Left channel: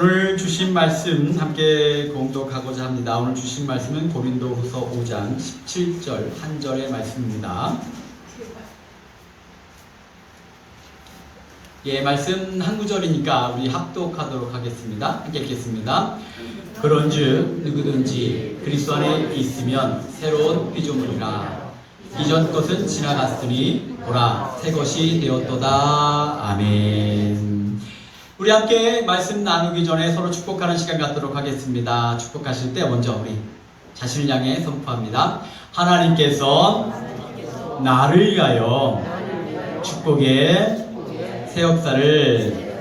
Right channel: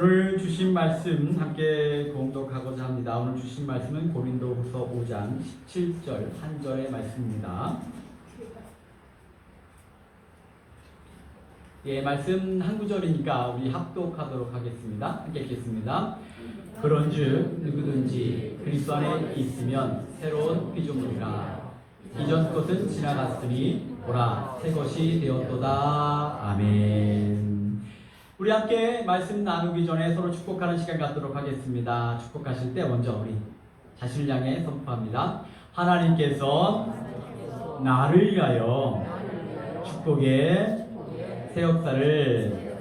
오늘 주신 말씀 함께 공독하고자 합니다. 오늘 주신 말씀은 고린도후서 5장 17절 한 절의 말씀입니다. 예, 말씀 한 구절이니까 우리 합독하도록 하겠습니다. 함께 읽겠습니다. 그런즉 누구든지 그리스도 안에 있으면 새로운 피조물이라 이전 것은 지나갔으니 보라 새 것이 되었도다. 아멘. 우리 함께 말씀 나누기 전에 서로 축복하는 시간 갖도록 하겠습니다. 축복하실 때 먼저 우리 자신을 향해 선포합니다. 하나님께서 나를 위하여 축복의 새 역사를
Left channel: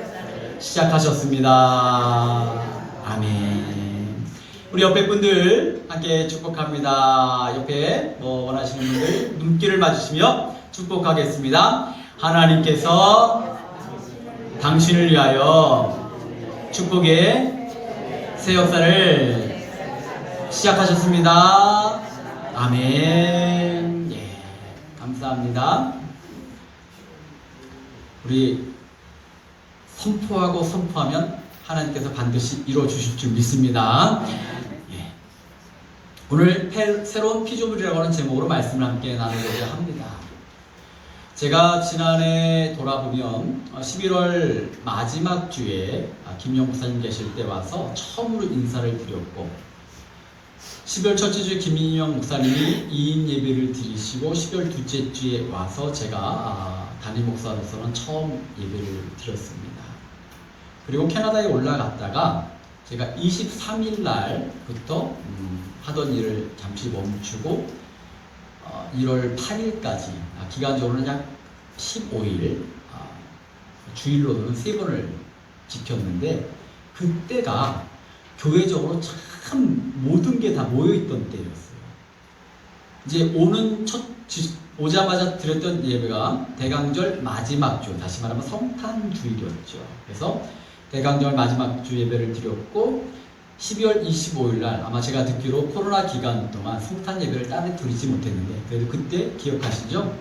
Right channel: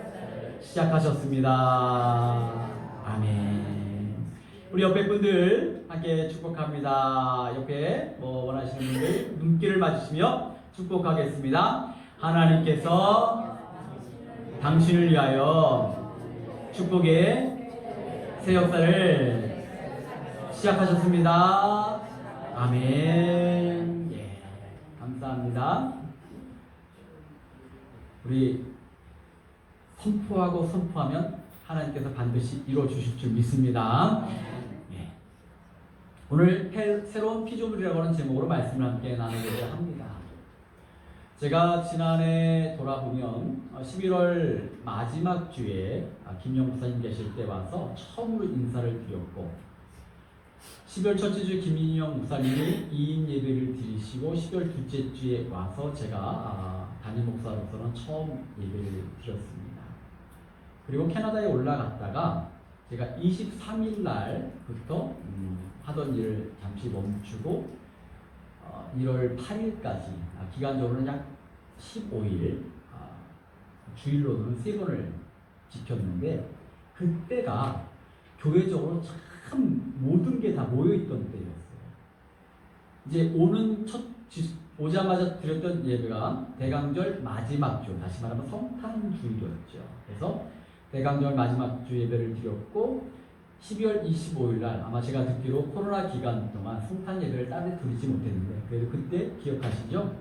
시작하셨습니다. 아멘. 우리 옆에 분들 함께 축복합니다. 옆에 원하시는 분들 눈길을 맞으시며 축복하겠습니다. 하나님께서 당신을 위하여 축복의 새 역사를 시작하셨습니다. 아멘. 예, 감사합니다. 우리 선포하고 선포하면 하나님께서 반드시 이루어 주실 줄 믿습니다. 예. 오늘 새로운 피조물이라고 하는 제목으로 말씀을 함께 나누고자 합니다. 제가 지난해 돌아보면 11월 마지막 주에 김영 목사님 계실 때 와서 처음으로 인사를 드렸고 12월 첫째 주에 김인영 목사님이 2인 예배를 드리시고 12월 둘째 주에 와서 제가 담임 목사로서는 처음 예배를 드렸습니다. 그리고 캐나다에 올라갔다가 제가 23일 날부터 하던 일을 잠시 멈추고 1월 8일까지 기간적으로는 약 15일 주일로는 3번을 지켰는데 그때가 교회적으로 참 모든 게 다 모여있던 때였어요. 이제 오자마자 드렸던 예배가 대강절 마지막 주, 다시 말하면 성탄주일이었죠. 그래서 대강절 마지막 주 예배를 드렸고 12월 25일 날 아마 제가 듣기로 코로나 기간 동안 성탄 예배를 따로 드리지 못했는데 그래도 그때 기억하시죠?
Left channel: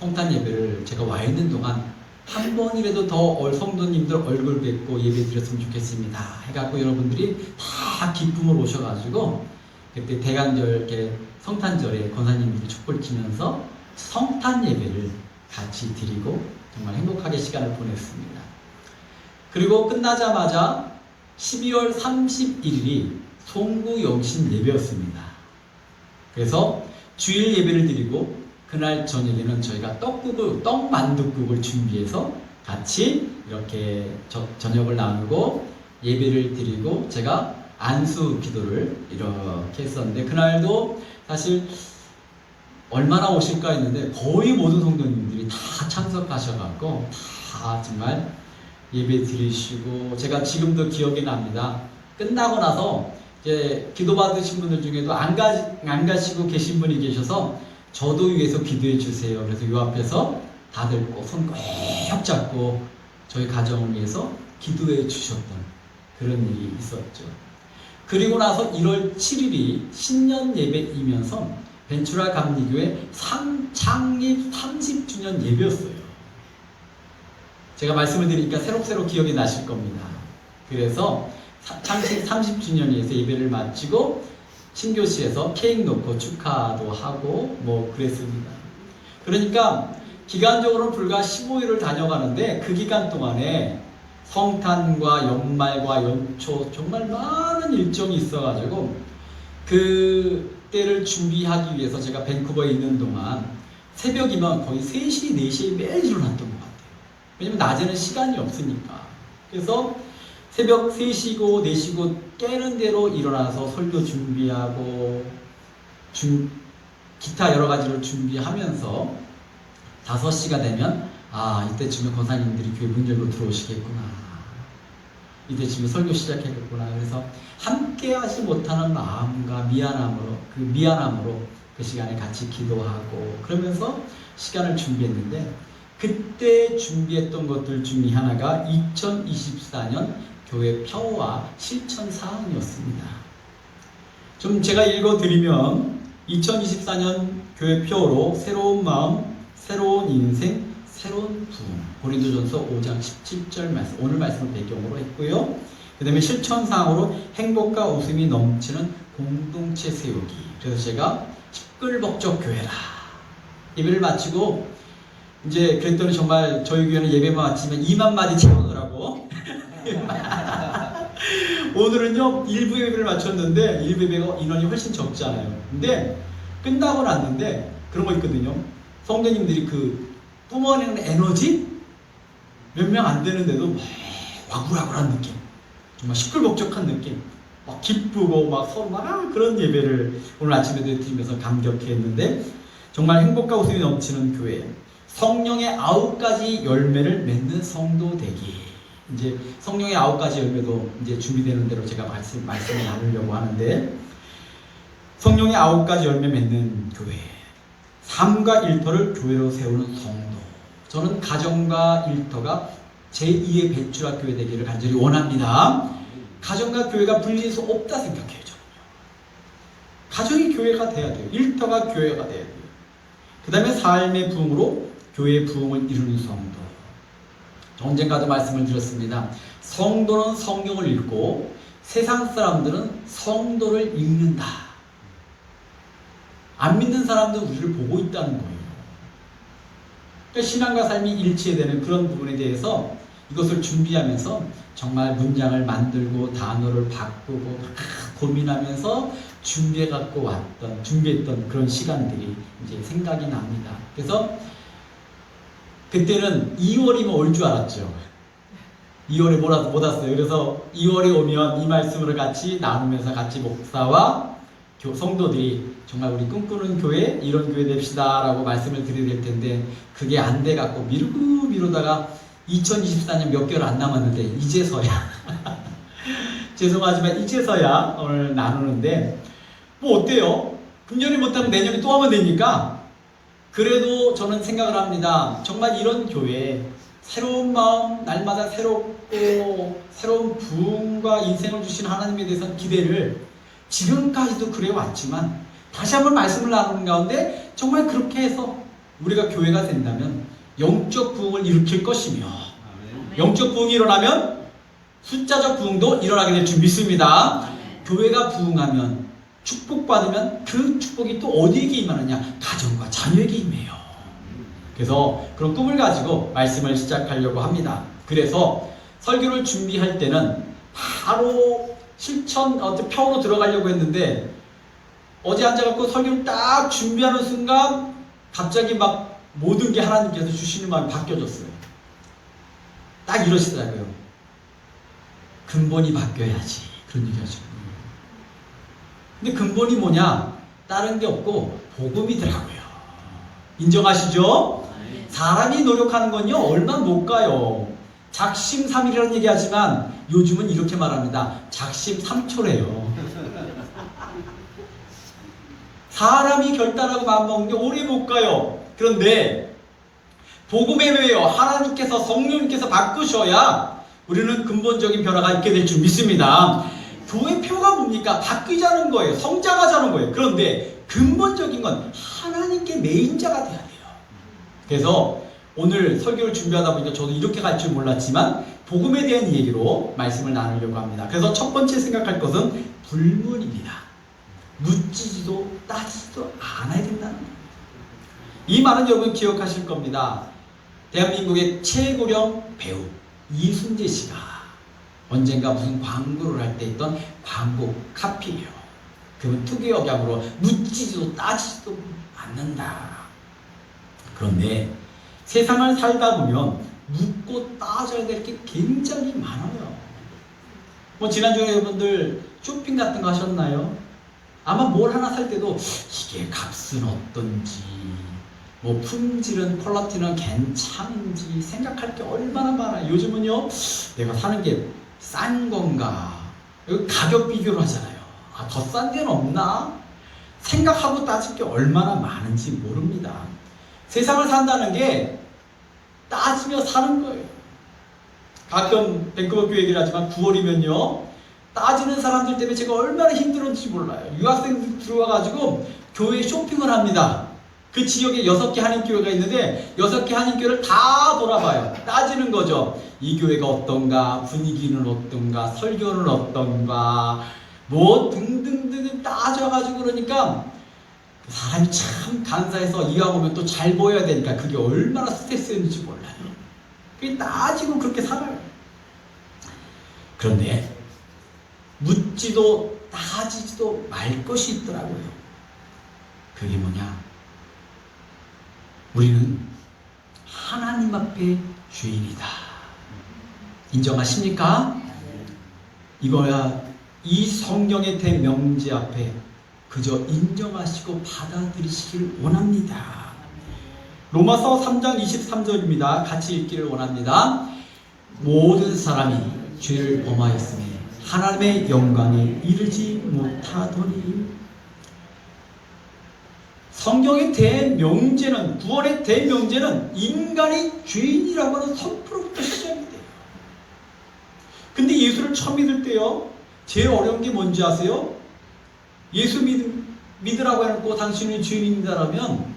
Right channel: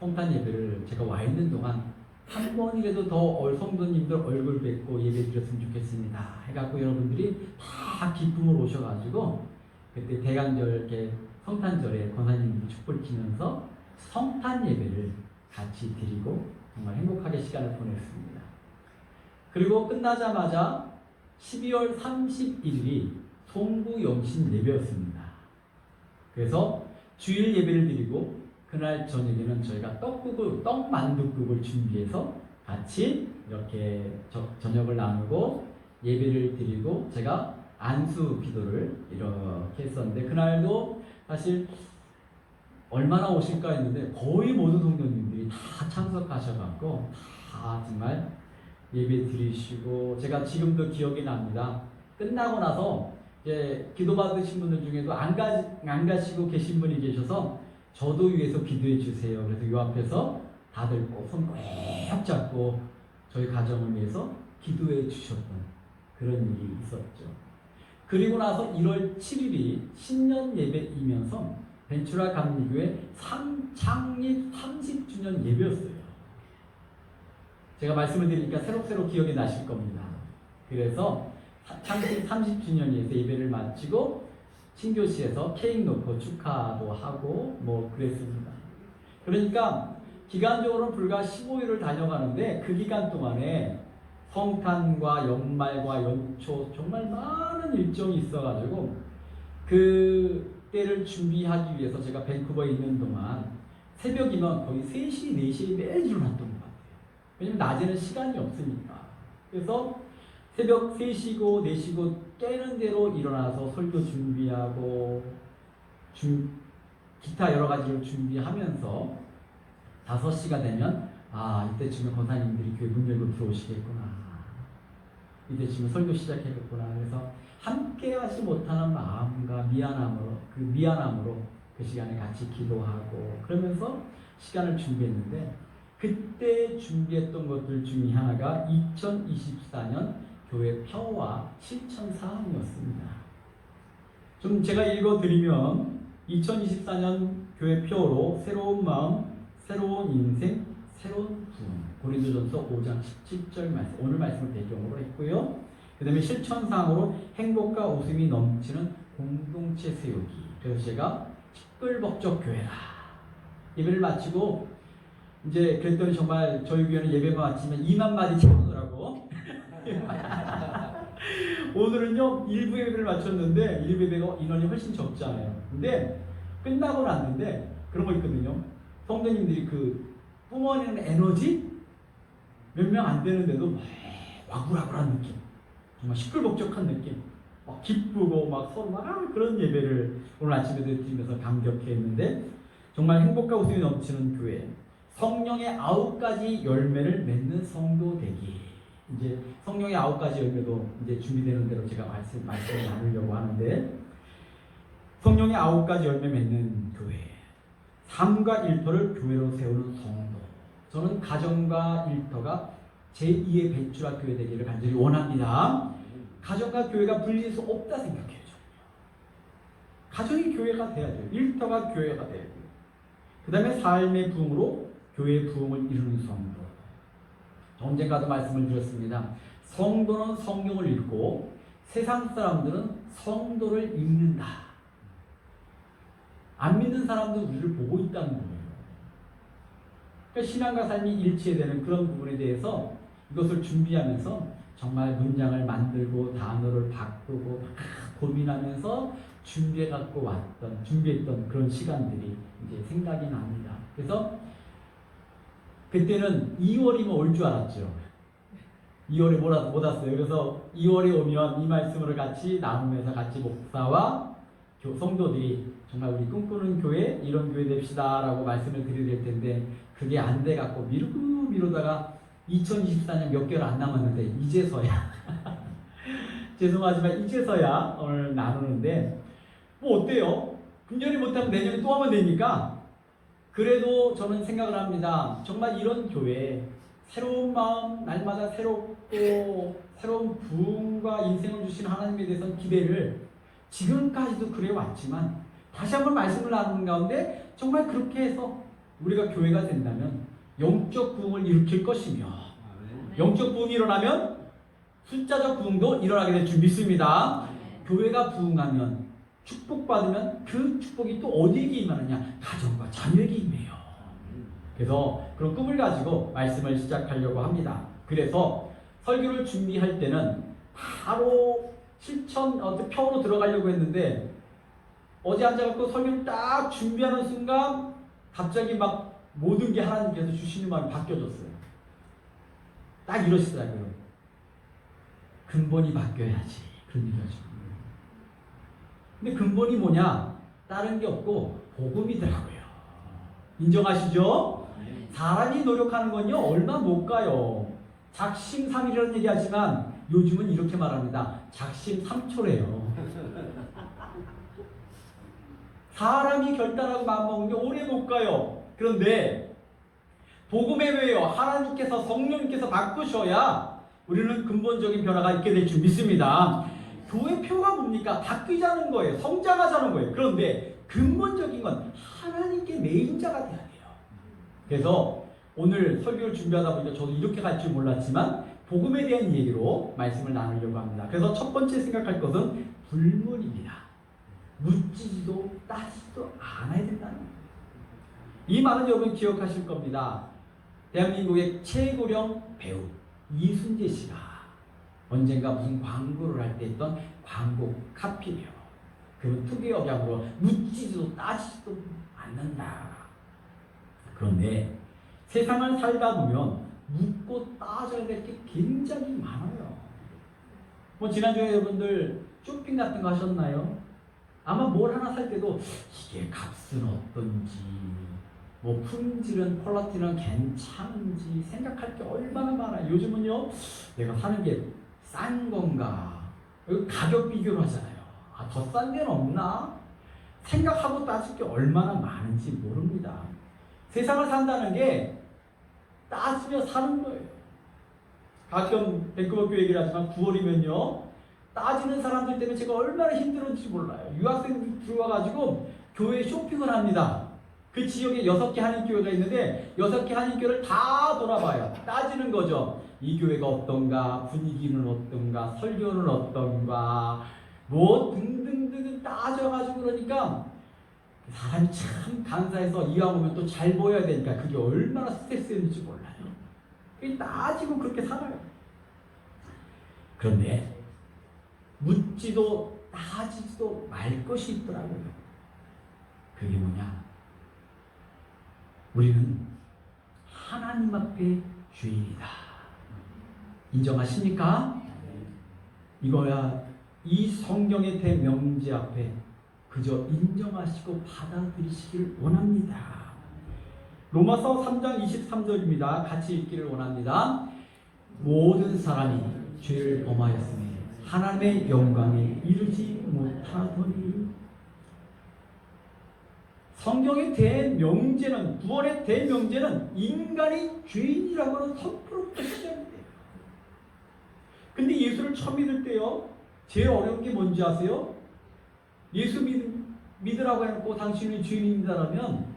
성탄 예배를 제가 와 있는 동안 한 번이라도 더 성도님들 얼굴 뵙고 예배 드렸으면 좋겠습니다 해갖고 여러분들이 다 기쁨을 오셔가지고 그때 대강절 이렇게 성탄절에 권사님들이 촛불 켜면서 성탄 예배를 같이 드리고 정말 행복하게 시간을 보냈습니다. 그리고 끝나자마자 12월 31일이 송구영신 예배였습니다. 그래서 주일 예배를 드리고 그날 저녁에는 저희가 떡만둣국을 준비해서 같이 이렇게 저녁을 나누고 예배를 드리고 제가 안수 기도를 이렇게 했었는데 그날도 사실 얼마나 오실까 했는데 거의 모든 성도님들이 다 참석하셔갖고 다 정말 예배 드리시고 제가 지금도 기억이 납니다. 끝나고 나서 이제 기도 받으신 분들 중에도 안 가시고 계신 분이 계셔서 저도 위해서 기도해 주세요. 그래서 이 앞에서 다들 손 꼭 잡고 저희 가정을 위해서 기도해 주셨던 그런 일이 있었죠. 그리고 나서 1월 7일이 신년 예배이면서 벤츄라 감리교회 창립 30주년 예배였어요. 제가 말씀을 드리니까 새록새록 기억이 나실 겁니다. 그래서 창립 30주년에서 예배를 마치고 신교시에서 케이크 놓고 축하도 하고 그랬습니다. 그러니까 기간적으로는 불과 15일을 다녀가는데 그 기간 동안에 성탄과 연말과 연초 정말 많은 일정이 있어가지고 그때를 준비하기 위해서 제가 밴쿠버에 있는 동안 새벽이면 거의 3시, 4시에 매일 일어났던 것 같아요. 왜냐면 낮에는 시간이 없으니까. 그래서 새벽 3시고 4시고 깨는 대로 일어나서 설교 준비하고 기타 여러 가지를 준비하면서 5시가 되면 이때쯤에 권사님들이 교회 문 열고 들어오시겠구나. 이때쯤에 설교 시작했겠구나. 그래서 함께 하지 못하는 마음과 미안함으로 그 시간에 같이 기도하고 그러면서 시간을 준비했는데 그때 준비했던 것들 중에 하나가 2024년 교회 평화 실천 사항이었습니다. 좀 제가 읽어드리면 2024년 교회 표어로 새로운 마음, 새로운 인생, 새로운 부흥 고린도전서 5장 17절 말씀 오늘 말씀을 배경으로 했고요. 그 다음에 실천상으로 행복과 웃음이 넘치는 공동체 세우기. 그래서 제가 시끌벅적 교회라. 예배를 마치고 이제 그랬더니 정말 저희 교회는 예배만 마치면 2만 마디 채우느라고 오늘은요 1부 예배를 마쳤는데 1부 예배가 인원이 훨씬 적잖아요. 근데 끝나고 났는데 그런 거 있거든요. 성도님들이 그 뿜어내는 에너지 몇 명 안 되는데도 막 와글와글한 느낌, 정말 시끌벅적한 느낌, 막 기쁘고 막 서로 막 그런 예배를 오늘 아침에도 드리면서 감격했는데, 정말 행복과 웃음이 넘치는 교회, 성령의 9가지 열매를 맺는 성도 되기. 이제 성령의 9가지 열매도 이제 준비되는 대로 제가 말씀을 나누려고 하는데, 성령의 9가지 열매 맺는 교회, 삶과 일터를 교회로 세우는 성도. 저는 가정과 일터가 제2의 배추라 교회 되기를 간절히 원합니다. 가정과 교회가 분리할 수 없다 생각해요. 저는요. 가정이 교회가 돼야 돼요. 일터가 교회가 돼야 돼요. 그 다음에 삶의 부흥으로 교회의 부흥을 이루는 성도. 언젠가도 말씀을 드렸습니다. 성도는 성경을 읽고 세상 사람들은 성도를 읽는다. 안 믿는 사람도 우리를 보고 있다는 거예요. 그러니까 신앙과 삶이 일치되는 그런 부분에 대해서 이것을 준비하면서 정말 문장을 만들고 단어를 바꾸고 고민하면서 준비했던 그런 시간들이 이제 생각이 납니다. 그래서 그때는 2월이면 올 줄 알았죠. 2월에 못 왔어요. 그래서 2월에 오면 이 말씀을 같이 나누면서 같이 목사와 성도들이 정말 우리 꿈꾸는 교회, 이런 교회 됩시다 라고 말씀을 드려야 될 텐데, 그게 안 돼갖고 미루다가 2024년 몇 개월 안 남았는데 이제서야 죄송하지만 이제서야 오늘 나누는데, 뭐 어때요? 금년에 못하면 내년에 또 하면 되니까. 그래도 저는 생각을 합니다. 정말 이런 교회, 새로운 마음, 날마다 새롭고 새로운 부흥과 인생을 주시는 하나님에 대해서 기대를 지금까지도 그래왔지만, 다시 한번 말씀을 나누는 가운데 정말 그렇게 해서 우리가 교회가 된다면 영적 부흥을 일으킬 것이며, 영적 부흥이 일어나면 숫자적 부흥도 일어나게 될 줄 믿습니다. 교회가 부흥하면, 축복받으면 그 축복이 또 어디에게 임하느냐? 가정과 자녀에게 임해요. 그래서 그런 꿈을 가지고 말씀을 시작하려고 합니다. 그래서 설교를 준비할 때는 바로 실천 표로 들어가려고 했는데, 어제 앉아갖고 설교를 딱 준비하는 순간 갑자기 막 모든 게 하나님께서 주시는 마음이 바뀌어졌어요. 딱 이러시더라고요. 근본이 바뀌어야지. 그런 얘기 하죠. 근데 근본이 뭐냐? 다른 게 없고 복음이더라고요. 인정하시죠? 사람이 노력하는 건요 얼마 못 가요. 작심삼일이라는 얘기하지만 요즘은 이렇게 말합니다. 작심삼초래요. 사람이 결단하고 마음먹는 게 오래 못 가요. 그런데 복음의 외요 하나님께서, 성령님께서 바꾸셔야 우리는 근본적인 변화가 있게 될 줄 믿습니다. 교회 표가 뭡니까? 바뀌자는 거예요. 성장하자는 거예요. 그런데 근본적인 건 하나님께 매인자가 돼야 돼요. 그래서 오늘 설교를 준비하다 보니까 저도 이렇게 갈 줄 몰랐지만 복음에 대한 얘기로 말씀을 나누려고 합니다. 그래서 첫 번째 생각할 것은 불문입니다. 묻지도 따지지도 않아야 된다는 겁니다. 이 말은 여러분 기억하실 겁니다. 대한민국의 최고령 배우 이순재 씨가 언젠가 무슨 광고를 할 때 있던 광고 카피예요. 그건 특유의 억양으로 묻지도 따지지도 않는다. 그런데 세상을 살다 보면 묻고 따져야 될 게 굉장히 많아요. 뭐 지난주에 여러분들 쇼핑 같은 거 하셨나요? 아마 뭘 하나 살 때도 이게 값은 어떤지, 뭐 품질은, 퀄리티는 괜찮은지 생각할 게 얼마나 많아요. 요즘은요 내가 사는 게 싼 건가, 가격 비교를 하잖아요. 더 싼 데는 없나? 생각하고 따질 게 얼마나 많은지 모릅니다. 세상을 산다는 게 따지며 사는 거예요. 가끔 밴쿠버 교회 얘기를 하지만 9월이면요 따지는 사람들 때문에 제가 얼마나 힘들었는지 몰라요. 유학생들 들어와가지고 교회에 쇼핑을 합니다. 그 지역에 6개 한인교회가 있는데 6개 한인교회를 다 돌아봐요. 따지는 거죠. 이 교회가 어떤가, 분위기는 어떤가, 설교는 어떤가, 뭐 등등등 따져가지고 그러니까 사람이 참 간사해서 이왕 오면 또 잘 보여야 되니까 그게 얼마나 스트레스였는지 몰라요. 그게 따지고 그렇게 살아요. 그런데 묻지도 따지지도 말 것이 있더라고요. 그게 뭐냐? 우리는 하나님 앞에 죄인이다. 인정하십니까? 이거야 이 성경의 대명제 앞에 그저 인정하시고 받아들이시길 원합니다. 로마서 3장 23절입니다. 같이 읽기를 원합니다. 모든 사람이 죄를 범하였으니 하나님의 영광에 이르지 못하더니. 성경의 대명제는, 구원의 대명제는 인간이 죄인이라고 하는 선포로부터 시작이 돼요. 근데 예수를 처음 믿을 때요, 제일 어려운 게 뭔지 아세요? 예수 믿으라고 해놓고 당신이 죄인이다라면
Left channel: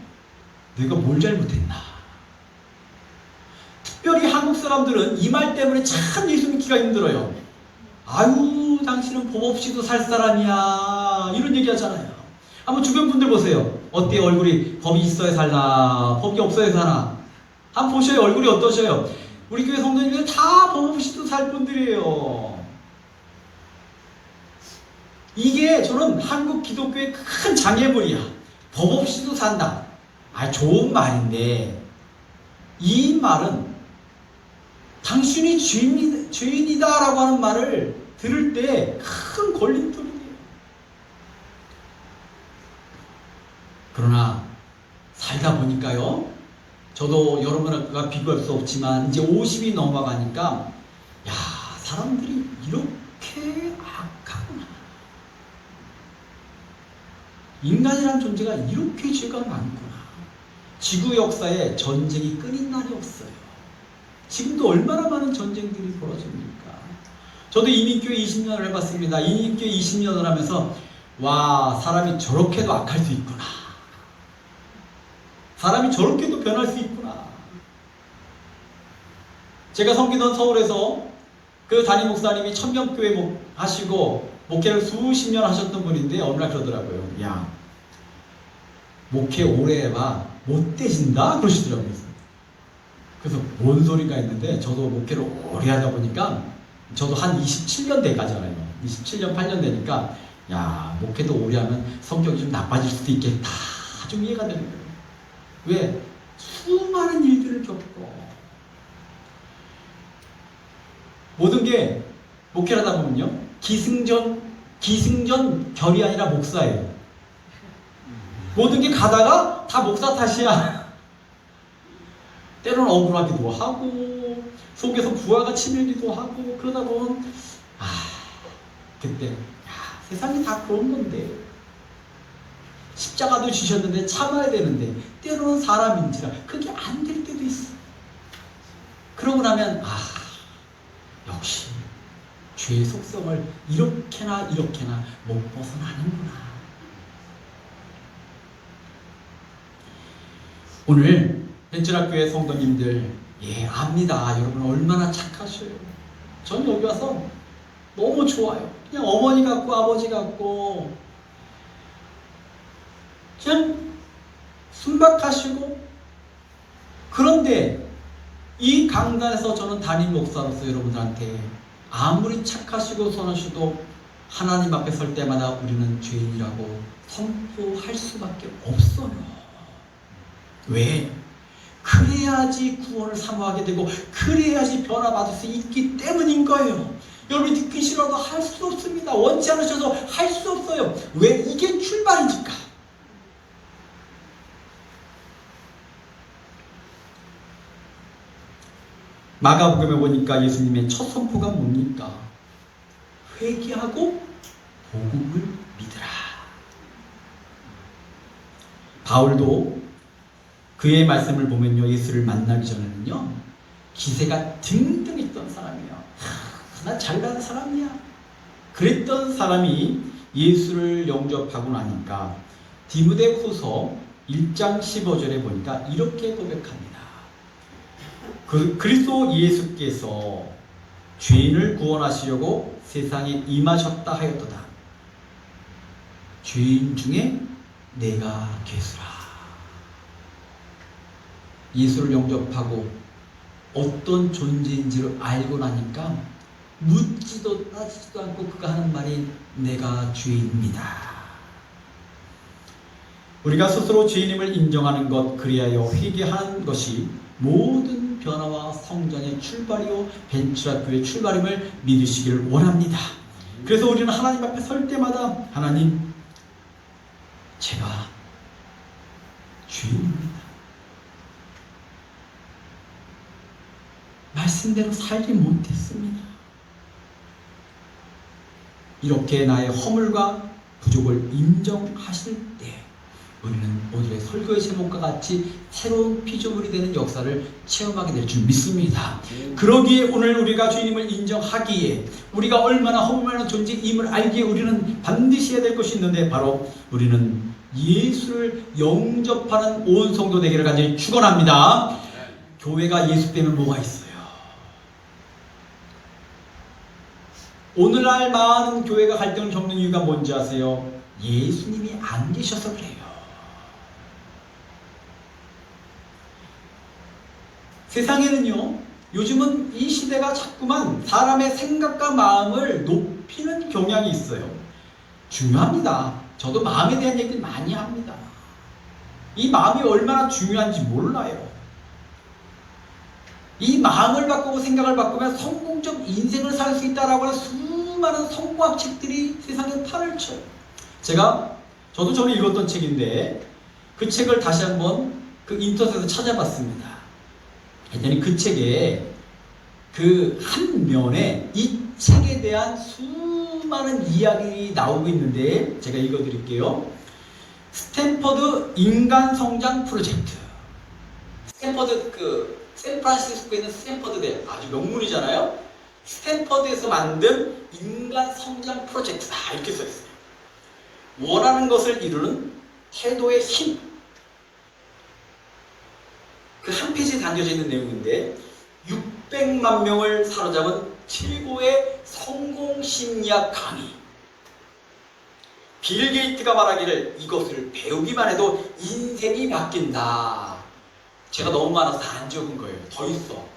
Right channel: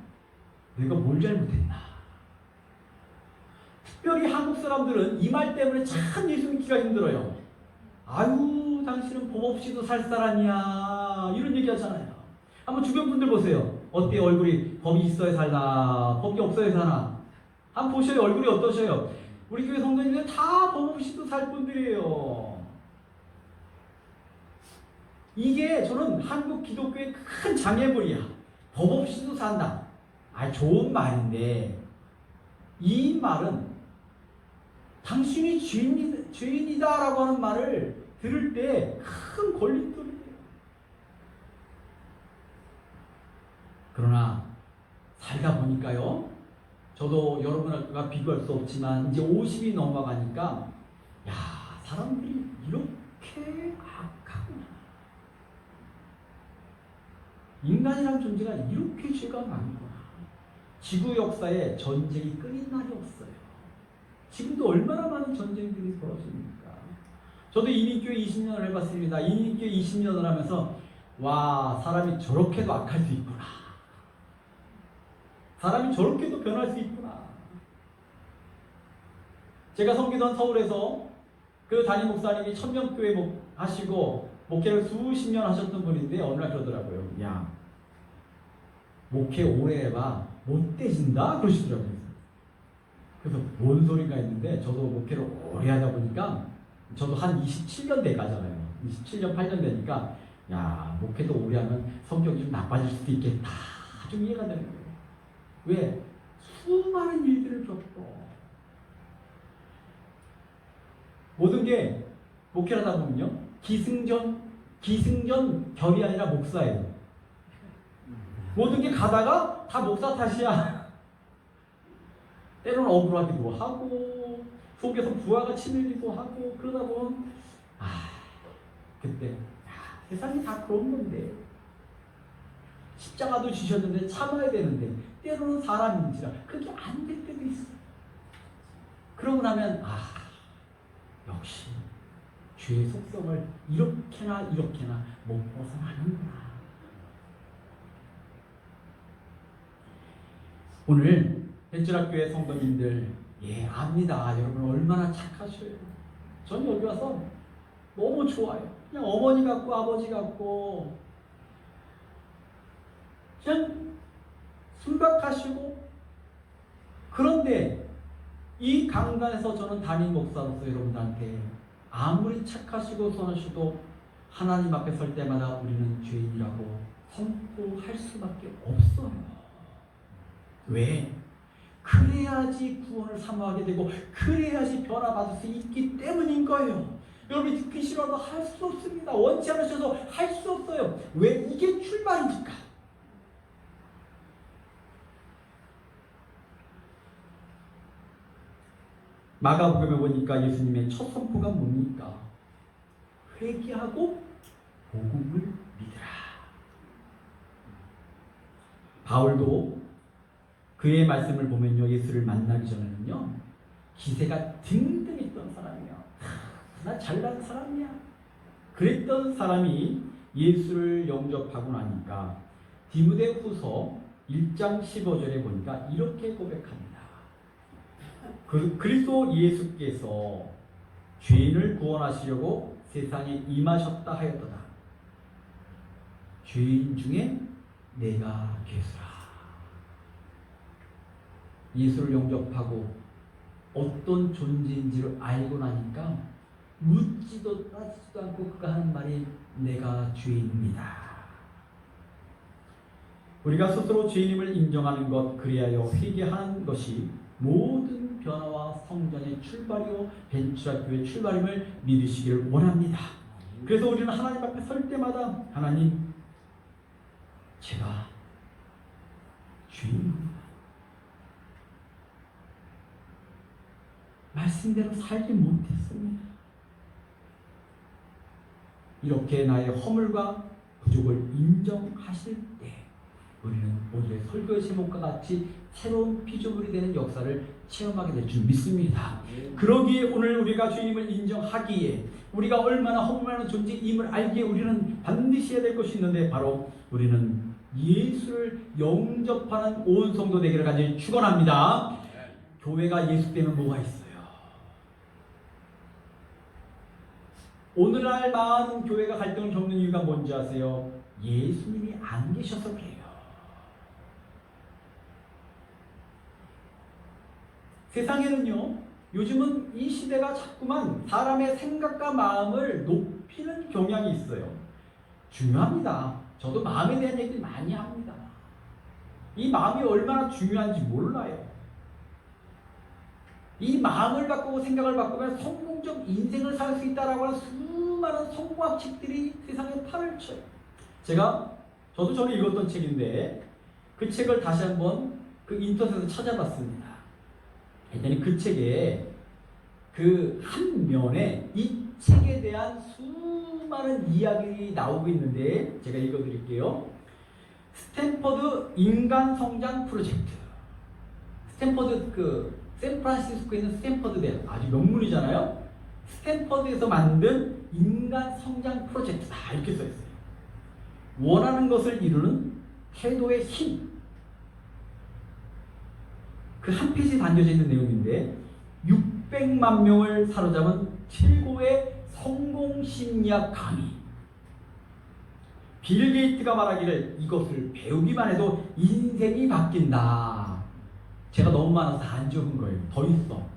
내가 뭘 잘못했나? 특별히 한국 사람들은 이 말 때문에 참 예수 믿기가 힘들어요. 아유, 당신은 법 없이도 살 사람이야, 이런 얘기 하잖아요. 한번 주변 분들 보세요. 어때요? 얼굴이 법이 있어야 살나, 법이 없어야 사나? 한번 보셔요. 얼굴이 어떠셔요? 우리 교회 성도님들 다 법 없이도 살 분들이에요. 이게 저는 한국 기독교의 큰 장애물이야. 법 없이도 산다. 좋은 말인데 이 말은 당신이 죄인이다라고 하는 말을 들을 때 큰 걸림돌이에요. 그러나 살다 보니까요, 저도 여러분과 비교할 수 없지만 이제 50이 넘어가니까 야, 사람들이 이렇게 악하구나. 인간이라는 존재가 이렇게 죄가 많구나. 지구 역사에 전쟁이 끊인 날이 없어요. 지금도 얼마나 많은 전쟁들이 벌어집니까? 저도 이민교회 20년을 해봤습니다. 이민교회 20년을 하면서 와, 사람이 저렇게도 악할 수 있구나. 사람이 저렇게도 변할 수 있구나. 제가 섬기던 서울에서 그 담임 목사님이 천명교회 하시고 목회를 수십 년 하셨던 분인데 어느 날 그러더라고요. 야, 목회 오래 해봐 못 되신다 그러시더라고요. 그래서 뭔 소리가 있는데 저도 목회를 오래 하다 보니까 저도 한 27년 돼가잖아요. 27년 8년 되니까 야, 목회도 오래 하면 성격이 좀 나빠질 수도 있겠다. 좀 이해가 되는 거예요. 왜? 수많은 일들을 겪고 모든 게 목회를 하다 보면요, 기승전 결이 아니라 목사예요. 모든 게 가다가 다 목사 탓이야. 때로는 억울하기도 하고 속에서 부하가 치밀기도 하고 그러다 보면 그때 세상이 다 그런 건데 십자가도 주셨는데 참아야 되는데 때로는 사람인지라 그게 안 될 때도 있어. 그러고 나면 역시 죄의 속성을 이렇게나 못 벗어나는구나. 오늘 벤처학교의 성도님들, 압니다. 여러분 얼마나 착하셔요. 전 여기 와서 너무 좋아요. 그냥 어머니 같고 아버지 같고 그냥 순박하시고. 그런데 이 강단에서 저는 담임 목사로서 여러분들한테 아무리 착하시고 선하셔도 하나님 앞에 설 때마다 우리는 죄인이라고 선포할 수밖에 없어요. 왜? 그래야지 구원을 사모하게 되고 그래야지 변화받을 수 있기 때문인 거예요. 여러분이 듣기 싫어도 할 수 없습니다. 원치 않으셔도 할 수 없어요. 왜? 이게 출발이니까. 마가복음에 보니까 예수님의 첫 선포가 뭡니까? 회개하고 복음을 믿으라. 바울도 그의 말씀을 보면요, 예수를 만나기 전에는요 기세가 등등했던 사람이에요. 나 잘난 사람이야 그랬던 사람이 예수를 영접하고 나니까 디모데후서 1장 15절에 보니까 이렇게 고백합니다. 그리스도 예수께서 죄인을 구원하시려고 세상에 임하셨다 하였도다. 죄인 중에 내가 괴수라. 예수를 영접하고 어떤 존재인지를 알고 나니까 묻지도 따지지도 않고 그가 하는 말이 내가 죄인입니다. 우리가 스스로 죄인임을 인정하는 것, 그리하여 회개하는 것이 모든 변화와 성장의 출발이요 벤츄라교의 출발임을 믿으시기를 원합니다. 그래서 우리는 하나님 앞에 설 때마다 하나님, 제가 죄인입니다. 말씀대로 살지 못했습니다. 이렇게 나의 허물과 부족을 인정하실 때 우리는 오늘의 설교의 제목과 같이 새로운 피조물이 되는 역사를 체험하게 될 줄 믿습니다. 그러기에 오늘 우리가 주님을 인정하기에 우리가 얼마나 허물많은 존재임을 알기에 우리는 반드시 해야 될 것이 있는데 바로 우리는 예수를 영접하는 온 성도 되기를 간절히 축원합니다. 교회가 예수 빼면 뭐가 있어요? 오늘날 많은 교회가 갈등을 겪는 이유가 뭔지 아세요? 예수님이 안 계셔서 그래요. 세상에는요, 요즘은 이 시대가 자꾸만 사람의 생각과 마음을 높이는 경향이 있어요. 중요합니다. 저도 마음에 대한 얘기를 많이 합니다. 이 마음이 얼마나 중요한지 몰라요. 이 마음을 바꾸고 생각을 바꾸면 성공적 인생을 살 수 있다라고 하는 수많은 성공학 책들이 세상에 판을 쳐요. 저도 전에 읽었던 책인데 그 책을 다시 한번 그 인터넷에서 찾아봤습니다. 했더니 그 책에 그 한 면에 이 책에 대한 수많은 이야기가 나오고 있는데 제가 읽어드릴게요. 스탠퍼드 인간 성장 프로젝트. 스탠퍼드 샌프란시스코에 있는 스탠퍼드 대 아주 명문이잖아요. 스탠퍼드에서 만든 인간 성장 프로젝트다 이렇게 써 있어요. 원하는 것을 이루는 태도의 힘. 그 한 페이지에 담겨져 있는 내용인데 600만 명을 사로잡은 최고의 성공 심리학 강의. 빌 게이트가 말하기를 이것을 배우기만 해도 인생이 바뀐다. 제가 너무 많아서 다 안 적은 거예요. 더 있어.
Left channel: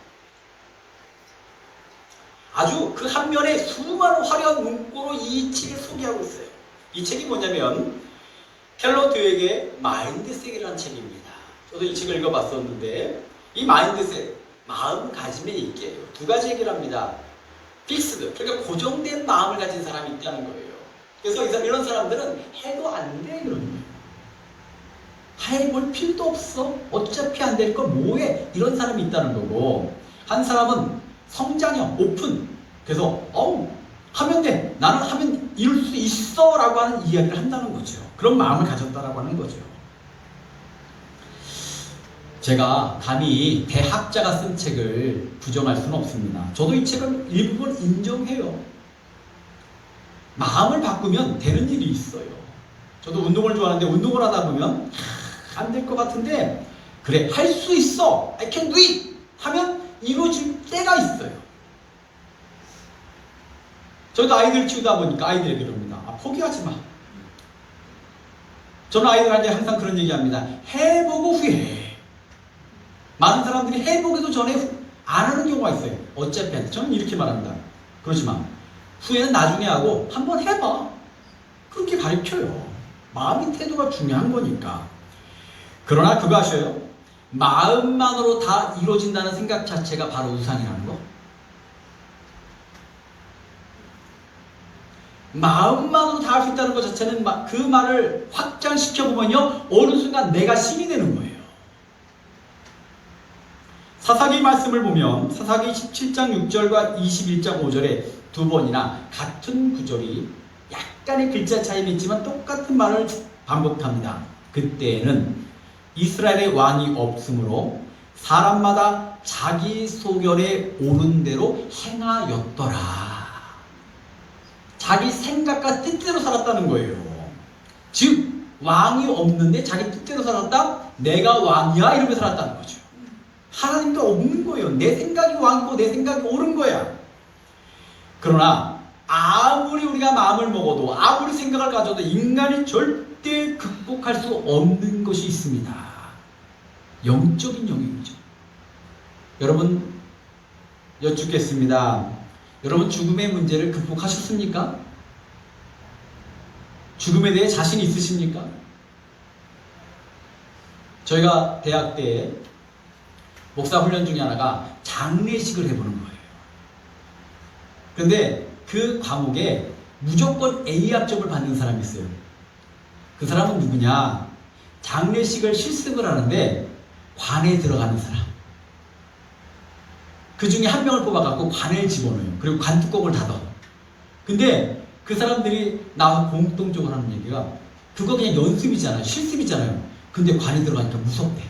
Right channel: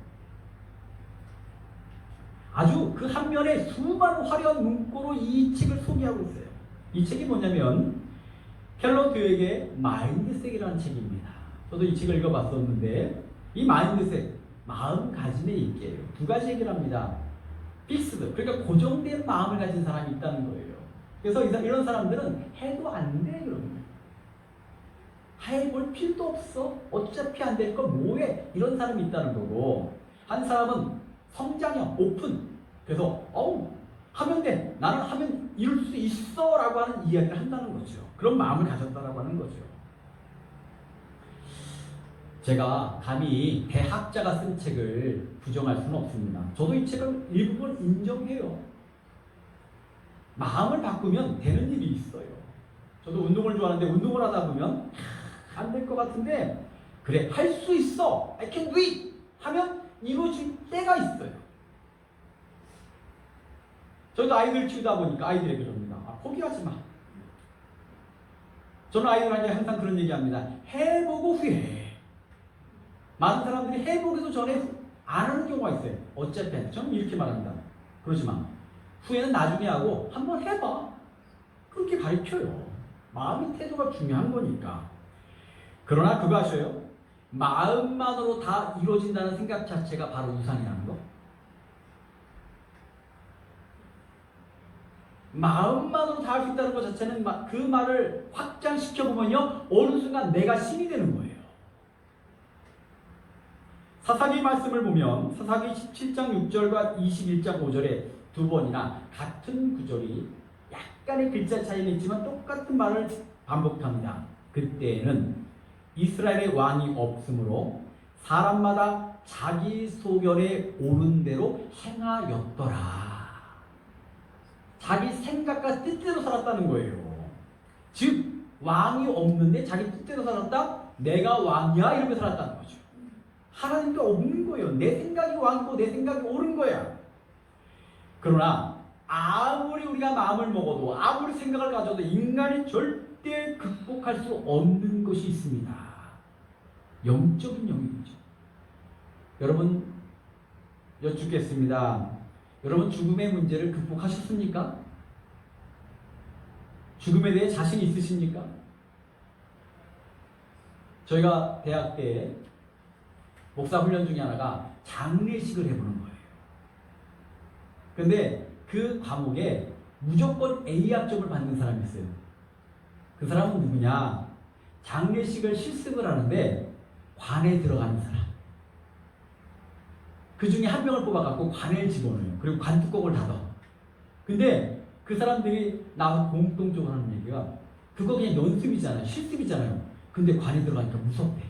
아주 그 한 면에 수많은 화려한 문구로 이 책을 소개하고 있어요. 이 책이 뭐냐면 켈러 드웨이의 마인드셋이라는 책입니다. 저도 이 책을 읽어봤었는데 이 마인드셋, 마음가짐의 얘기예요. 두 가지 얘기를 합니다. 픽스드, 그러니까 고정된 마음을 가진 사람이 있다는 거예요. 그래서 이런 사람들은 해도 안 돼 그런 거예요. 해볼 필요도 없어. 어차피 안 될 걸 뭐해. 이런 사람이 있다는 거고, 한 사람은 성장형, 오픈. 그래서 하면 돼. 나는 하면 이룰 수 있어 라고 하는 이야기를 한다는 거죠. 그런 마음을 가졌다라고 하는 거죠. 제가 감히 대학자가 쓴 책을 부정할 수는 없습니다. 저도 이 책을 일부분 인정해요. 마음을 바꾸면 되는 일이 있어요. 저도 운동을 좋아하는데 운동을 하다 보면 안 될 것 같은데 그래 할 수 있어 I can do it 하면 이루어질 때가 있어요. 저도 아이들 키우다 보니까 아이들에게 그럽니다. 포기하지 마. 저는 아이들한테 항상 그런 얘기합니다. 해보고 후회해. 많은 사람들이 해보기도 전에 안 하는 경우가 있어요. 어차피 안 돼. 저는 이렇게 말합니다. 그러지 마. 후회는 나중에 하고 한번 해봐. 그렇게 가르쳐요. 마음의 태도가 중요한 거니까. 그러나 그거 아셔요? 마음만으로 다 이루어진다는 생각 자체가 바로 우상이라는 거. 마음만으로 다 할 수 있다는 것 자체는 그 말을 확장시켜보면요 어느 순간 내가 신이 되는 거예요. 사사기 말씀을 보면 사사기 17장 6절과 21장 5절에 두 번이나 같은 구절이 약간의 글자 차이는 있지만 똑같은 말을 반복합니다. 그때는 이스라엘의 왕이 없으므로 사람마다 자기 소견에 오른 대로 행하였더라. 자기 생각과 뜻대로 살았다는 거예요. 즉 왕이 없는데 자기 뜻대로 살았다? 내가 왕이야? 이러면서 살았다는 거죠. 하나님도 없는 거예요. 내 생각이 왕이고 내 생각이 옳은 거야. 그러나 아무리 우리가 마음을 먹어도 아무리 생각을 가져도 인간이 절대 극복할 수 없는 것이 있습니다. 영적인 영역이죠. 여러분 여쭙겠습니다. 여러분 죽음의 문제를 극복하셨습니까? 죽음에 대해 자신 있으십니까? 저희가 대학 때 목사 훈련 중에 하나가 장례식을 해보는 거예요. 그런데 그 과목에 무조건 A 학점을 받는 사람이 있어요. 그 사람은 누구냐? 장례식을 실습을 하는데 관에 들어가는 사람. 그 중에 한 명을 뽑아갖고 관에 집어넣어요. 그리고 관 뚜껑을 닫아. 근데 그 사람들이 나와서 공통적으로 하는 얘기가 그거 그냥 연습이잖아요. 실습이잖아요. 근데 관에 들어가니까 무섭대.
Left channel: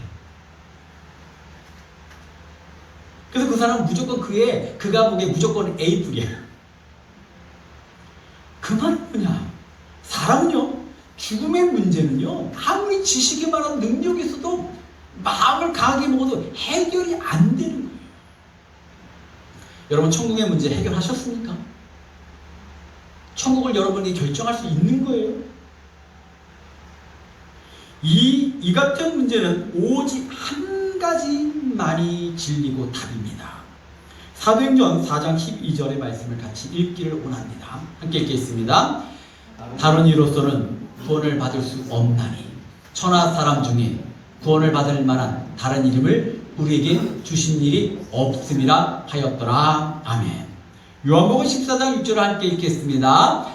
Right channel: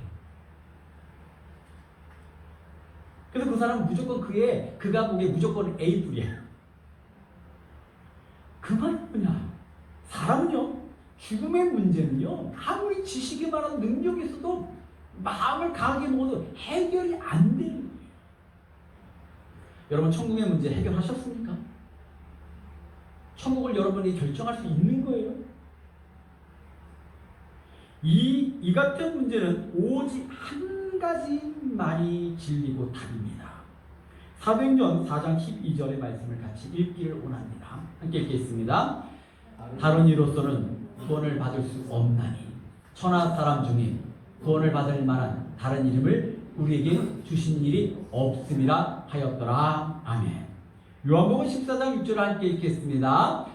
그래서 그 사람은 무조건 그 과목에 무조건 A뿔이에요. 그 말은 뭐냐? 사람은요, 죽음의 문제는요, 아무리 지식이 많은 능력이 있어도 마음을 강하게 먹어도 해결이 안 되는 거예요. 여러분, 천국의 문제 해결하셨습니까? 천국을 여러분이 결정할 수 있는 거예요. 이 같은 문제는 오직 한 가지만이 진리고 답입니다. 사도행전 4장 12절의 말씀을 같이 읽기를 원합니다. 함께 읽겠습니다. 다른 이로서는 구원을 받을 수 없나니 천하 사람 중에 구원을 받을 만한 다른 이름을 우리에게 주신 일이 없음이라 하였더라. 아멘. 요한복음 14장 6절을 함께 읽겠습니다.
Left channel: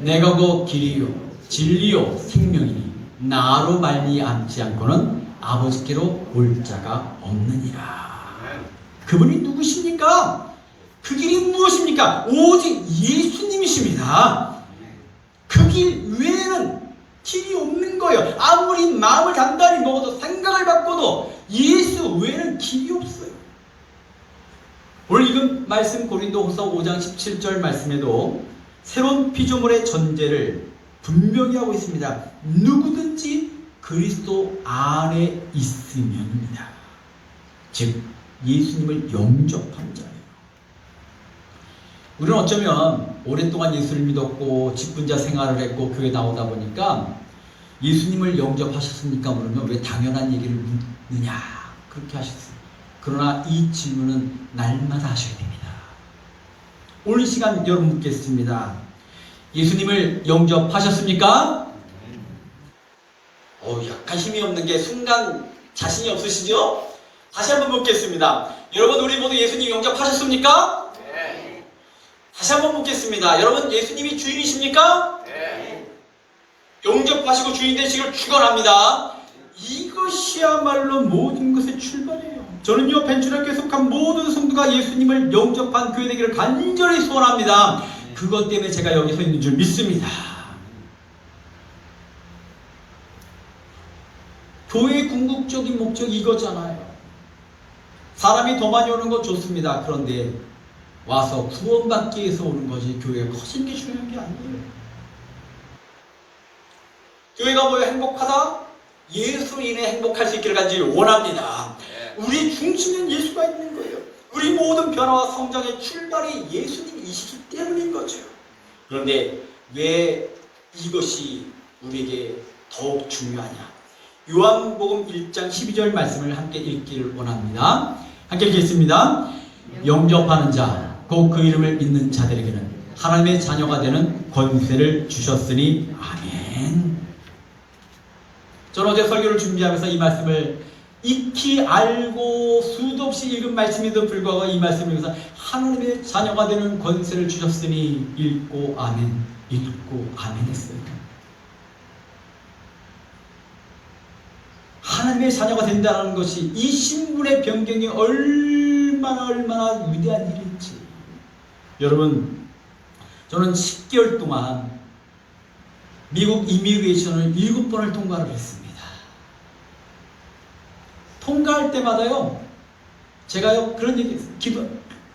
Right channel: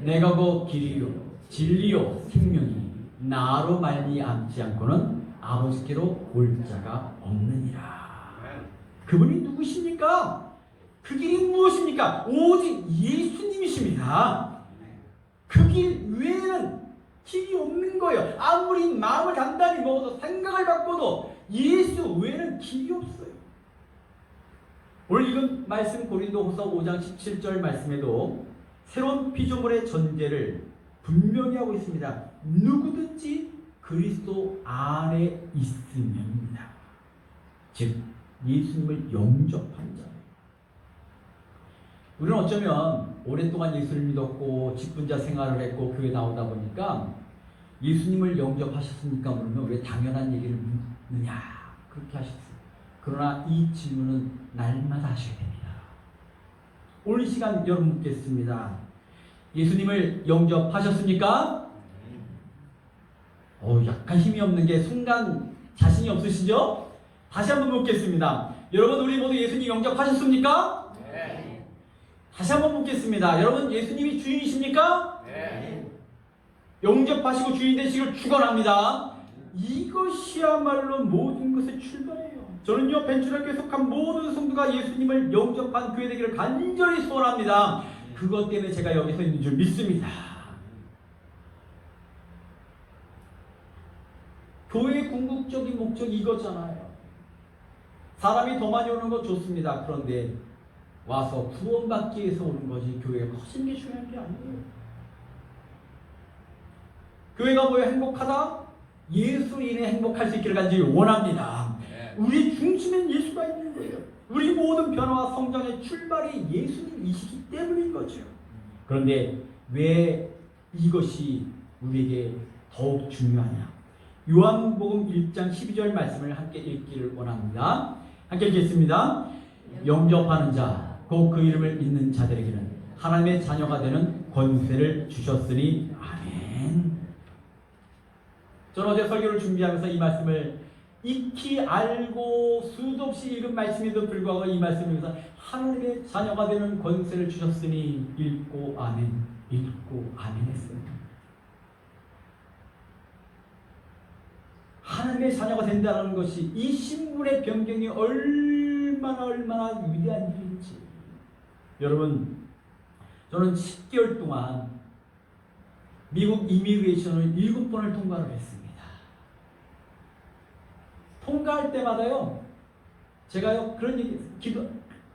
내가 곧 길이요 진리요 생명이니 나로 말미암지 않고는 아버지께로 올 자가 없느니라. 그분이 누구십니까? 그 길이 무엇입니까? 오직 예수님이십니다. 그 길 외에는 길이 없는 거예요. 아무리 마음을 단단히 먹어도 생각을 바꿔도 예수 외에는 길이 없어요. 오늘 읽은 말씀 고린도후서 5장 17절 말씀에도 새로운 피조물의 전제를 분명히 하고 있습니다. 누구든지 그리스도 안에 있으면입니다. 즉 예수님을 영접한 자예요. 우리는 어쩌면 오랫동안 예수를 믿었고 직분자 생활을 했고 교회 나오다 보니까 예수님을 영접하셨습니까? 물으면 왜 당연한 얘기를 묻느냐 그렇게 하셨어요. 그러나 이 질문은 날마다 하셔야 됩니다. 오늘 시간 여러분 묻겠습니다. 예수님을 영접하셨습니까? 약간 힘이 없는 게 순간 자신이 없으시죠? 다시 한번 묻겠습니다. 여러분 우리 모두 예수님 영접하셨습니까? 네. 다시 한번 묻겠습니다. 여러분 예수님이 주인이십니까? 네. 영접하시고 주인 되시길 축원합니다. 이것이야말로 모든 것의 출발이에요. 저는요 벤츄학교에 속한 모든 성도가 예수님을 영접한 교회 되기를 간절히 소원합니다. 그것 때문에 제가 여기 서 있는 줄 믿습니다. 교회의 궁극적인 목적이 이거잖아요. 사람이 더 많이 오는 건 좋습니다. 그런데 와서 구원받기 위해서 오는 것이 교회가 커진 게 중요한 게 아니에요. 교회가 뭐예요? 행복하다? 예수로 인해 행복할 수 있기를 간절히 원합니다. 우리 중심엔 예수가 있는 거예요. 우리 모든 변화와 성장의 출발이 예수님이시기 때문인 거죠. 그런데 왜 이것이 우리에게 더욱 중요하냐? 요한복음 1장 12절 말씀을 함께 읽기를 원합니다. 함께 읽겠습니다. 영접하는 자, 곧 그 이름을 믿는 자들에게는 하나님의 자녀가 되는 권세를 주셨으니 아멘. 저는 어제 설교를 준비하면서 이 말씀을 익히 알고 수도 없이 읽은 말씀에도 불구하고 이 말씀을 위해서 하나님의 자녀가 되는 권세를 주셨으니 읽고 아멘, 읽고 아멘 했어요. 하나님의 자녀가 된다는 것이 이 신분의 변경이 얼마나 위대한 일인지. 여러분, 저는 10개월 동안 미국 이미그레이션을 7번을 통과를 했습니다. 통과할 때마다요, 제가요 그런 얘기 했어요.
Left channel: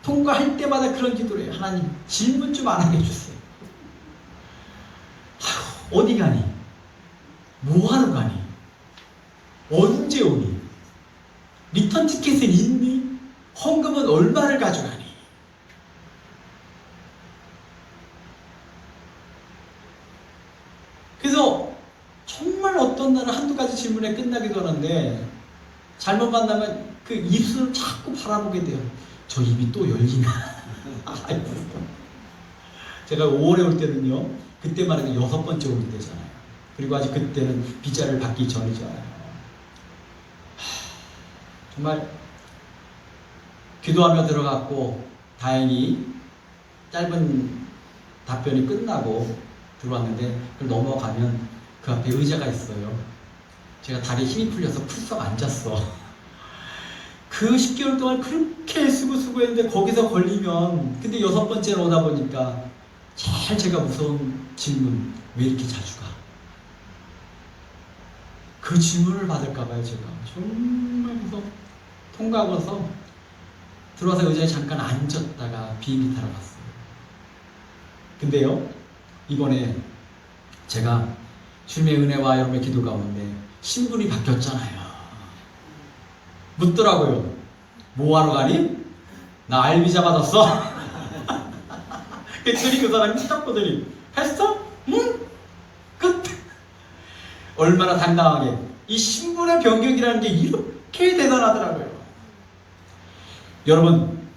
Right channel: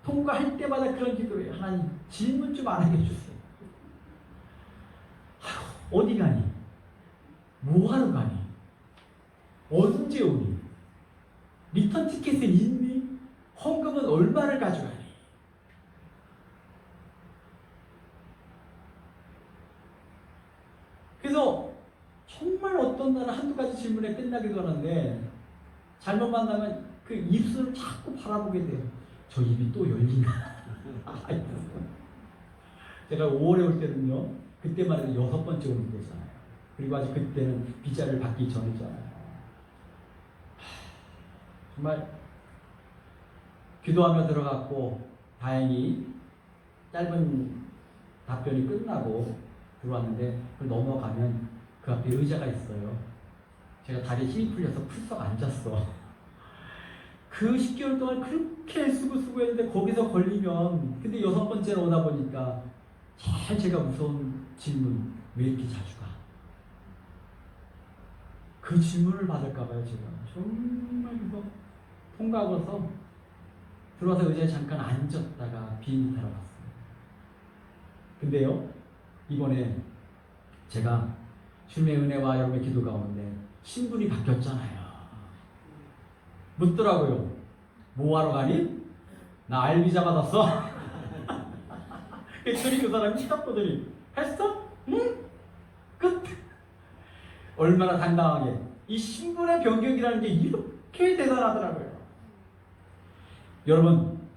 통과할 때마다 그런 기도를 해요. 하나님, 질문 좀 안 하게 해주세요. 어디 가니? 뭐하러 가니? 언제 오니? 리턴 티켓은 있니? 헌금은 얼마를 가져가니? 그래서 정말 어떤 날은 한두 가지 질문에 끝나기도 하는데 잘못 만나면 그 입술을 자꾸 바라보게 돼요. 저 입이 또 열리나? 제가 5월에 올 때는요, 그때만 해도 6번째 올 때잖아요. 그리고 아직 그때는 비자를 받기 전이잖아요. 정말 기도하며 들어갔고 다행히 짧은 답변이 끝나고 들어왔는데 그걸 넘어가면 그 앞에 의자가 있어요. 제가 다리에 힘이 풀려서 풀썩 앉았어. 그 10개월 동안 그렇게 애쓰고 수고했는데 거기서 걸리면, 근데 6번째로 오다 보니까 제일 제가 무서운 질문, 왜 이렇게 자주 가? 그 질문을 받을까봐요. 제가 정말 무서워. 통과하고서 들어와서 의자에 잠깐 앉았다가 비행기 타러 갔어요. 근데요, 이번에 제가 주님의 은혜와 여러분의 기도 가운데 신분이 바뀌었잖아요. 묻더라고요. 뭐하러 가니? 나 알비자 받았어? 그랬더니 그 사람이 딱 보더니 했어? 응? 끝. 얼마나 당당하게. 이 신분의 변경이라는 게 이렇게 대단하더라고요. 여러분,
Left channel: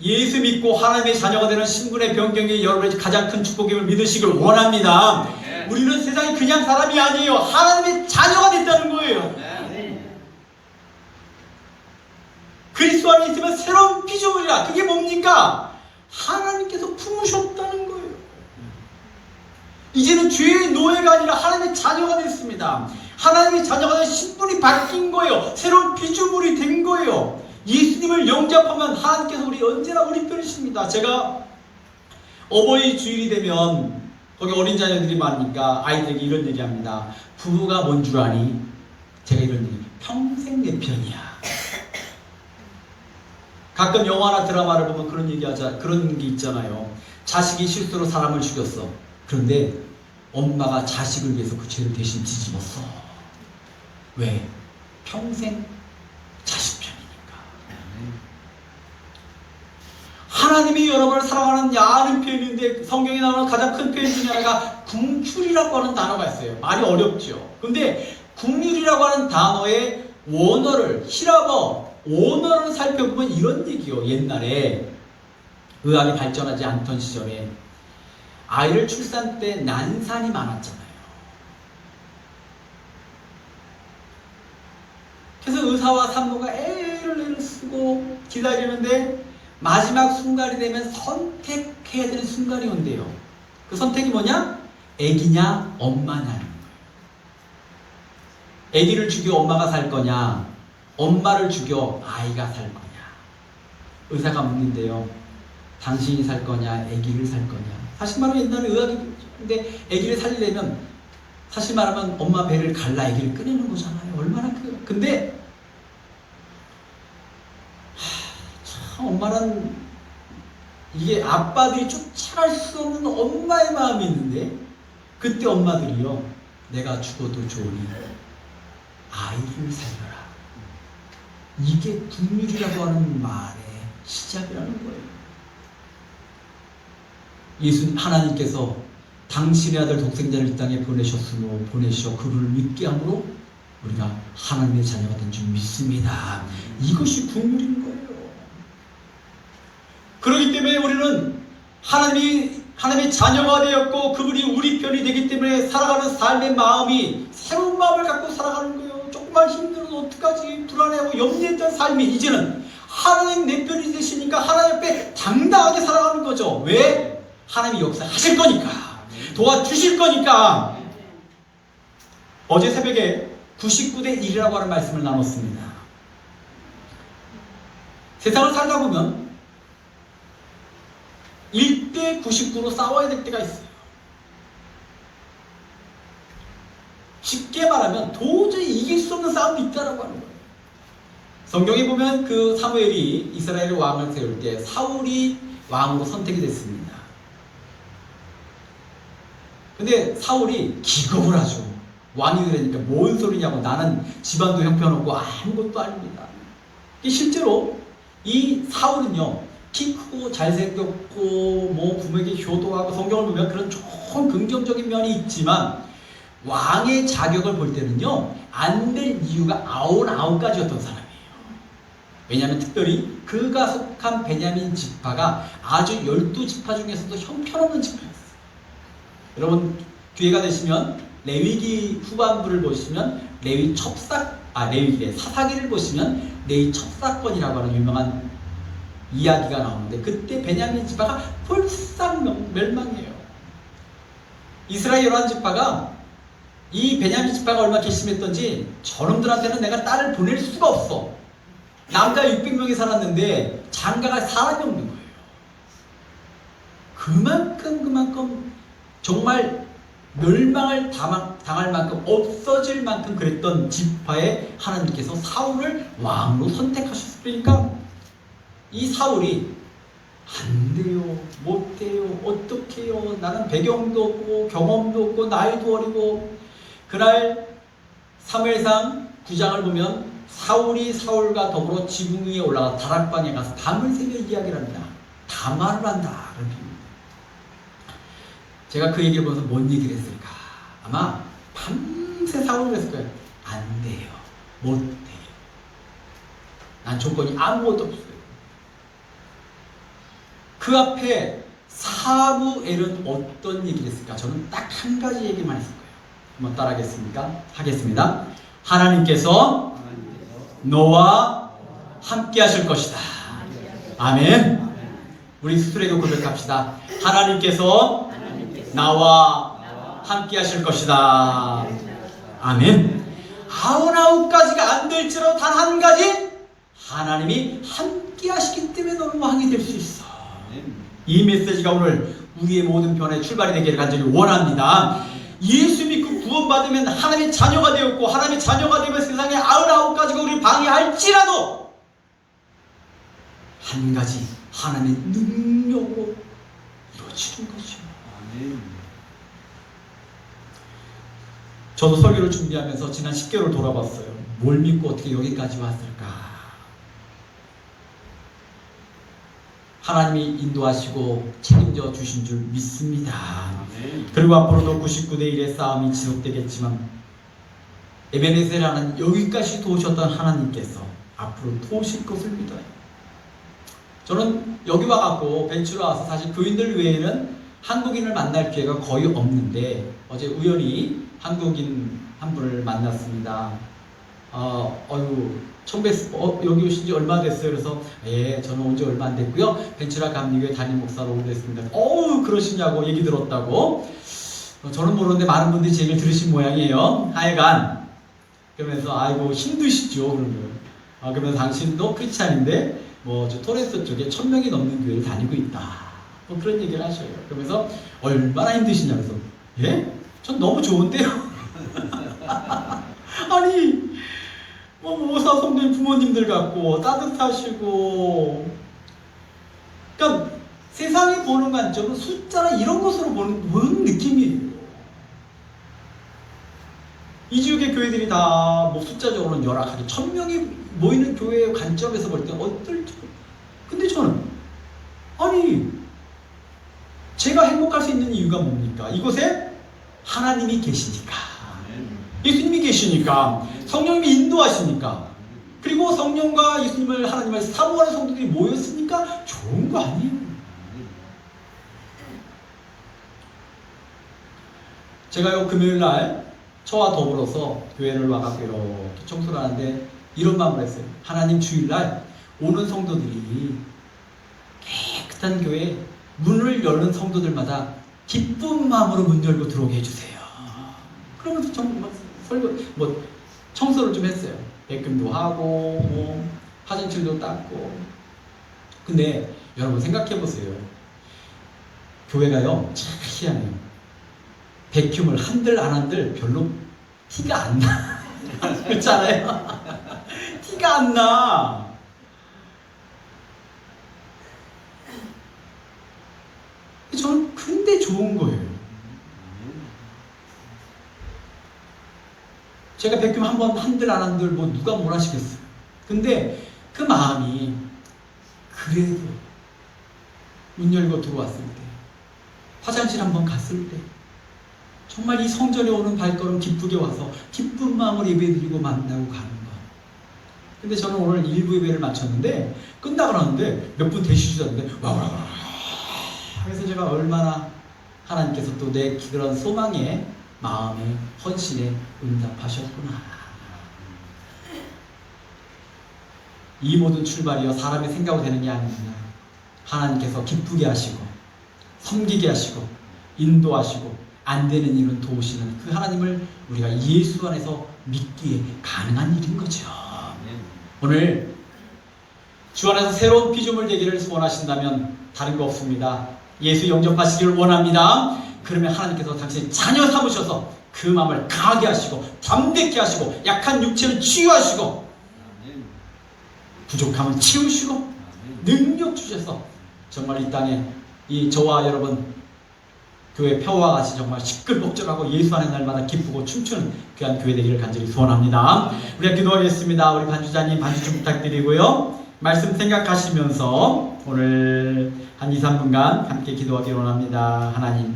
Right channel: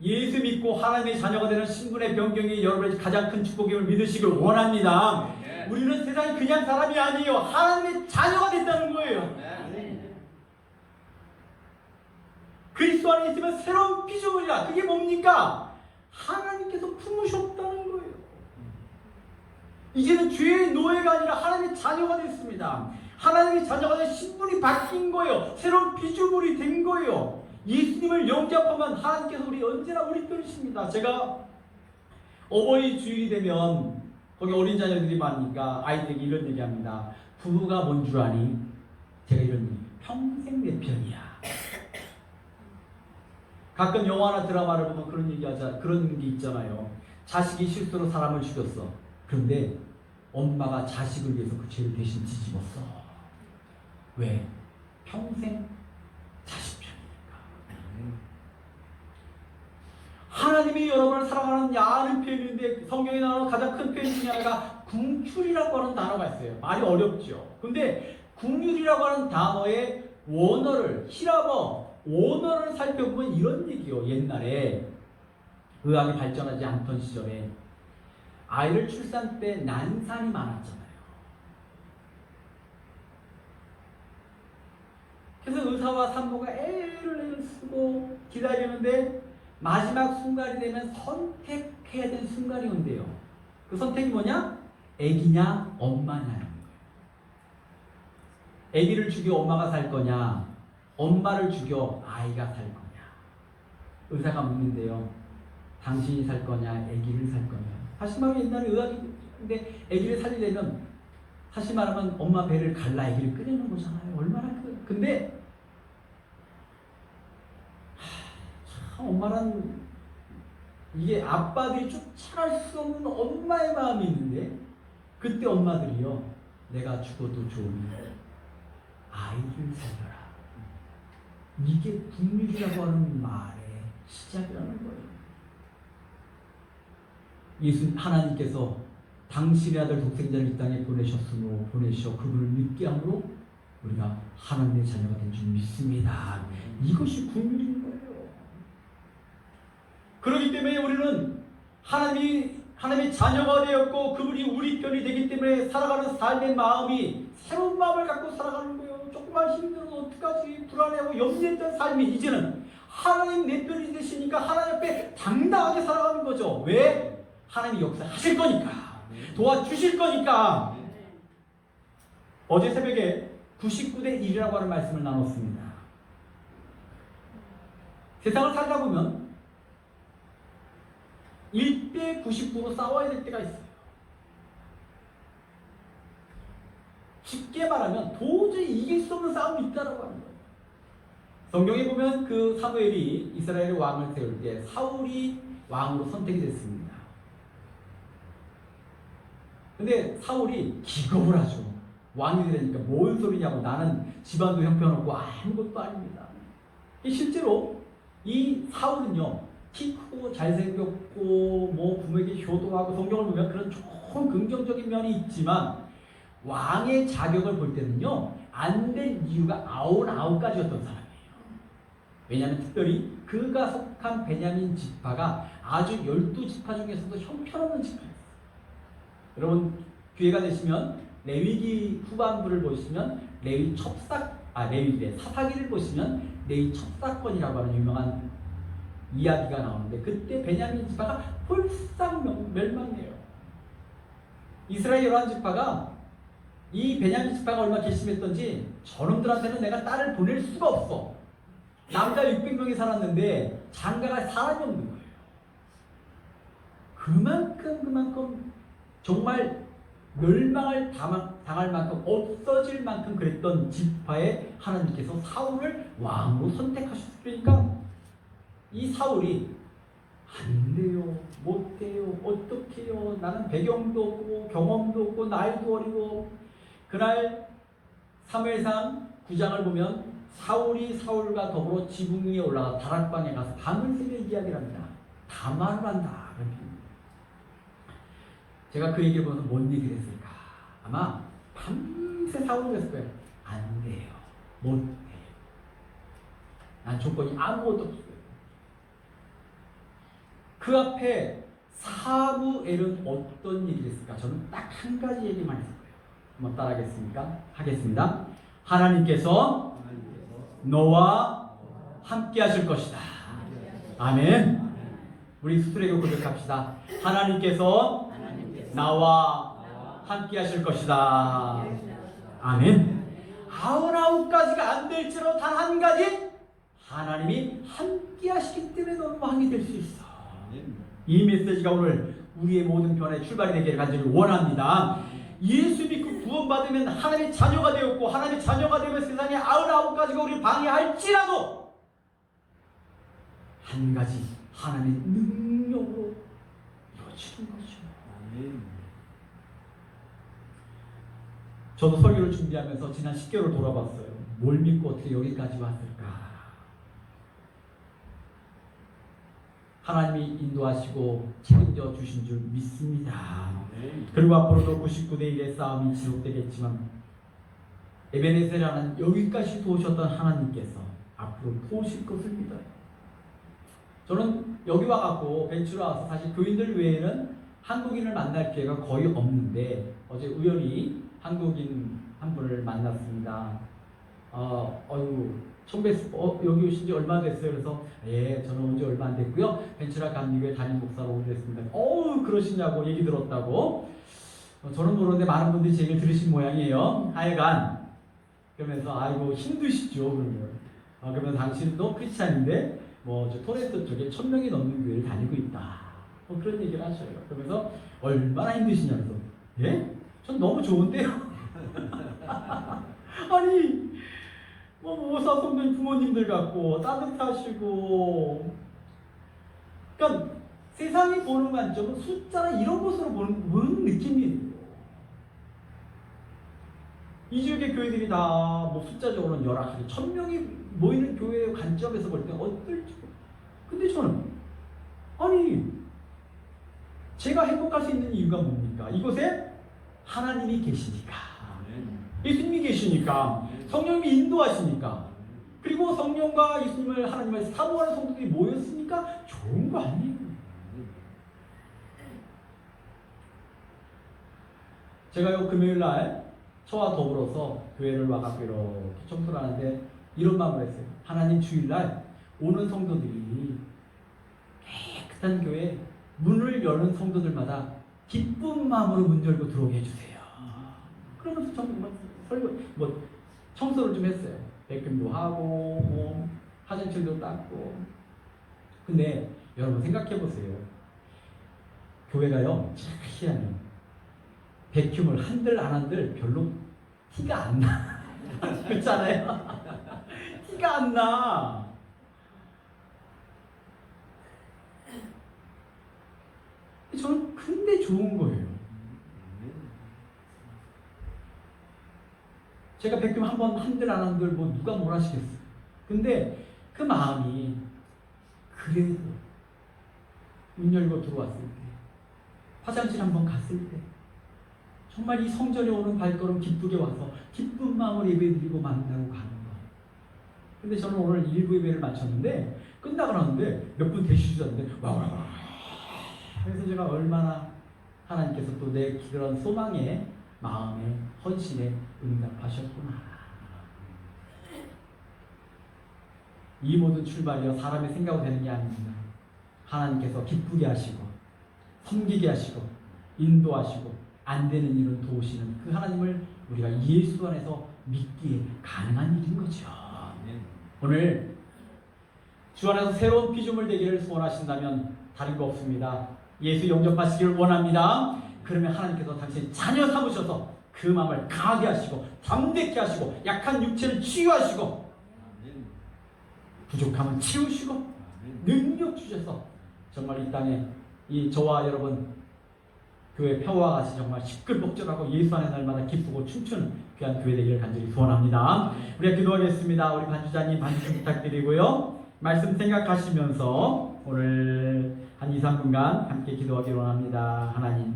예수 믿고 하나님의 자녀가 되는 신분의 변경이 여러분의 가장 큰 축복임을 믿으시길 원합니다. 네. 우리는 세상에 그냥 사람이 아니에요. 하나님의 자녀가 됐다는 거예요. 네. 그리스도 안에 있으면 새로운 피조물이라. 그게 뭡니까? 하나님께서 품으셨다는 거예요. 이제는 죄의 노예가 아니라 하나님의 자녀가 됐습니다. 하나님의 자녀가 된 신분이 바뀐 거예요. 새로운 피조물이 된 거예요. 예수님을 영접하면 하나님께서 언제나 우리 편이십니다. 제가 어버이 주일이 되면 거기 어린 자녀들이 많으니까 아이들에게 이런 얘기합니다. 부부가 뭔 줄 아니? 제가 이런 얘기, 평생 내 편이야. 가끔 영화나 드라마를 보면 그런 게 있잖아요. 자식이 실수로 사람을 죽였어. 그런데 엄마가 자식을 위해서 그 죄를 대신 뒤집었어. 왜? 평생 자식 편이니까. 하나님이 여러분을 사랑하는 야는 표현인데 성경에 나오는 가장 큰 표현 중에 하나가 궁휼이라고 하는 단어가 있어요. 말이 어렵죠. 근데 궁휼이라고 하는 단어의 원어를, 히라버 원어를 살펴보면 이런 얘기요. 옛날에 의학이 발전하지 않던 시절에 아이를 출산 때 난산이 많았잖아요. 그래서 의사와 산모가 애를 쓰고 기다리는데 마지막 순간이 되면 선택해야 되는 순간이 온대요. 그 선택이 뭐냐? 애기냐 엄마냐는 거예요. 애기를 죽여 엄마가 살 거냐, 엄마를 죽여 아이가 살 거냐. 의사가 묻는데요. 당신이 살 거냐, 애기를 살 거냐. 사실 말하면 옛날에 의학이, 근데 애기를 살리려면 사실 말하면 엄마 배를 갈라 애기를 꺼내는 거잖아요. 얼마나 근데 참 엄마란, 이게 아빠들이 쫓아갈 수 없는 엄마의 마음이 있는데, 그때 엄마들이요, 내가 죽어도 좋으니 아이를 살려라. 이게 궁휼이라고 하는 말의 시작이라는 거예요. 하나님께서 당신의 아들 독생자를 이 땅에 보내셔 그를 믿게 함으로 우리가 하나님의 자녀가 된 줄 믿습니다. 이것이 궁휼인 거예요. 그렇기 때문에 우리는 하나님의 자녀가 되었고 그분이 우리 편이 되기 때문에 살아가는 삶의 마음이 새로운 마음을 갖고 살아가는 거예요. 조금만 힘들어도 어떡하지, 불안해하고 염려했던 삶이 이제는 하나님 내 편이 되시니까 하나님 앞에 당당하게 살아가는 거죠. 왜? 하나님이 역사하실 거니까, 도와주실 거니까. 어제 새벽에 99대 1이라고 하는 말씀을 나눴습니다. 세상을 살다 보면 1대 99로 싸워야 될 때가 있어요. 쉽게 말하면 도저히 이길 수 없는 싸움이 있다라고 하는 거예요. 성경에 보면 그 사무엘이 이스라엘 왕을 세울 때 사울이 왕으로 선택이 됐습니다. 근데 사울이 기겁을 하죠. 왕이 그러니까 뭔 소리냐고, 나는 집안도 형편없고 아무것도 아닙니다. 실제로 이 사울은요, 키 크고 잘생겼고 뭐 부모에게 효도하고, 성경을 보면 그런 좋은 긍정적인 면이 있지만 왕의 자격을 볼 때는요, 안 될 이유가 99가지였던 사람이에요. 왜냐하면 특별히 그가 속한 베냐민 지파가 아주 12지파 중에서도 형편없는 지파였어요. 여러분 기회가 되시면 레위기 후반부를 보시면 레위기래 사사기를 보시면 레위 첩사건이라고 하는 유명한 이야기가 나오는데, 그때 베냐민 지파가 폴싹 멸망해요. 이스라엘 11지파가 이 베냐민 지파가 얼마나 괘씸했던지, 저놈들한테는 내가 딸을 보낼 수가 없어. 남자 600명이 살았는데 장가가 사람이 없는 거예요. 그만큼 정말 멸망을 당할 만큼, 없어질 만큼 그랬던 지파에 하나님께서 사울을 왕으로 선택하셨으니까 이 사울이 안 돼요, 못 돼요, 어떡해요, 나는 배경도 없고 경험도 없고 나이도 어리고. 그날 사무엘상 9장을 보면 사울이 사울과 더불어 지붕 위에 올라가 다락방에 가서 밤을 새겨 이야기를 합니다. 담화를 한다. 제가 그 얘기를 보면서 뭔 얘기를 했을까? 아마 밤새 사울을 했을 거예요. 안 돼요, 못 돼요, 난 조건이 아무것도 없어요. 그 앞에 사무엘은 어떤 얘기를 했을까? 저는 딱 한 가지 얘기만 했을 거예요. 한번 따라하겠습니까? 하겠습니다. 하나님께서 너와 함께 하실 것이다. 아멘. 우리 스스로에게 고백합시다. 하나님께서 나와 함께 하실 것이다. 아멘. 99가지가 안 될지라도 단 한 가지, 하나님이 함께 하시기 때문에 너는 왕이 될 수 있어. 이 메시지가 오늘 우리의 모든 변화의 출발이 되기를 간절히 원합니다. 예수 믿고 구원받으면 하나님의 자녀가 되었고, 하나님의 자녀가 되면 세상에 99가지가 우리를 방해할지라도 한 가지, 하나님의 능력으로 이루어지는 것이요. 저도 설교를 준비하면서 지난 10개월 돌아봤어요. 뭘 믿고 어떻게 여기까지 왔을까? 하나님이 인도하시고 책임져 주신 줄 믿습니다. 그리고 앞으로도 99대 1의 싸움이 지속되겠지만, 에베네셀라는 여기까지 도우셨던 하나님께서 앞으로 도우실 것을 믿어요. 저는 여기 와갖고 벤치로 와서 사실 교인들 외에는 한국인을 만날 기회가 거의 없는데, 어제 우연히 한국인 한 분을 만났습니다. 처음 여기 오신 지 얼마 됐어요? 그래서 예, 저는 온 지 얼마 안 됐고요. 벤츄라 감리교회 담임 목사로 오래됐습니다. 그러시냐고 얘기 들었다고. 저는 모르는데 많은 분들이 제 얘기를 들으신 모양이에요. 하여간 그러면서 아이고 힘드시죠? 그러면서 당신도 크리스찬인데 저 토레스 쪽에 1000명이 넘는 교회를 다니고 있다. 그런 얘기를 하셔요. 그러면서 얼마나 힘드시냐 그래서 예? 전 너무 좋은데요. 아니 모사 성도님 부모님들 같고 따뜻하시고, 그러니까 세상이 보는 관점은 숫자나 이런 것으로 보는 느낌이에요. 이 지역의 교회들이 다 숫자적으로는 열악하게 1000명이 모이는 교회의 관점에서 볼 때 어떨지. 근데 저는 아니 제가 행복할 수 있는 이유가 뭡니까? 이곳에 하나님이 계시니까, 예수님이 계시니까, 성령님이 인도하시니까, 그리고 성령과 예수님을 하나님을 사모하는 성도들이 모였으니까 좋은 거 아니에요? 제가요 금요일날 저와 더불어서 교회를 와갖고 이렇게 청소를 하는데 이런 마음을 했어요. 하나님, 주일날 오는 성도들이 깨끗한 교회 문을 여는 성도들마다 기쁜 마음으로 문 열고 들어오게 해주세요. 그러면서 청소를 좀 했어요. 백금도 하고 화장실도 닦고. 근데 여러분 생각해보세요. 교회가요 참 희한해요. 백큐을 한들 안 한들 별로 티가 안 나. 그렇잖아요. 티가 안 나. 저는 근데 좋은 거예요. 제가 백금 한번 한들 안 한들 뭐 누가 뭘 하시겠어요. 근데 그 마음이 그래도 문 열고 들어왔을 때, 화장실 한번 갔을 때, 정말 이 성전에 오는 발걸음 기쁘게 와서 기쁜 마음으로 예배드리고 만나고 가는 거. 근데 저는 오늘 1부 예배를 마쳤는데 끝나고 나는데 몇 분 되시지 않는데 와. 그래서 제가 얼마나 하나님께서 또 내 그런 소망에, 마음에, 헌신에 응답하셨구나. 이 모든 출발이요 사람의 생각으로 되는 게 아닙니다. 하나님께서 기쁘게 하시고 섬기게 하시고 인도하시고 안 되는 일은 도우시는 그 하나님을 우리가 예수 안에서 믿기에 가능한 일인 거죠. 오늘 주 안에서 새로운 피조물 되기를 원하신다면 다른 거 없습니다. 예수 영접하시기를 원합니다. 그러면 하나님께서 당신의 자녀 삼으셔서 그 마음을 강하게 하시고 담대케 하시고 약한 육체를 치유하시고 부족함을 채우시고 능력 주셔서 정말 이 땅에 이 저와 여러분 교회 표와 같이 정말 시끌벅적하고 예수 안에 날마다 기쁘고 춤추는 귀한 교회 되기를 간절히 소원합니다. 우리가 기도하겠습니다. 우리 반주자님 반주 좀 부탁드리고요. 말씀 생각하시면서 오늘 한 2, 3분간 함께 기도하기를 원합니다. 하나님,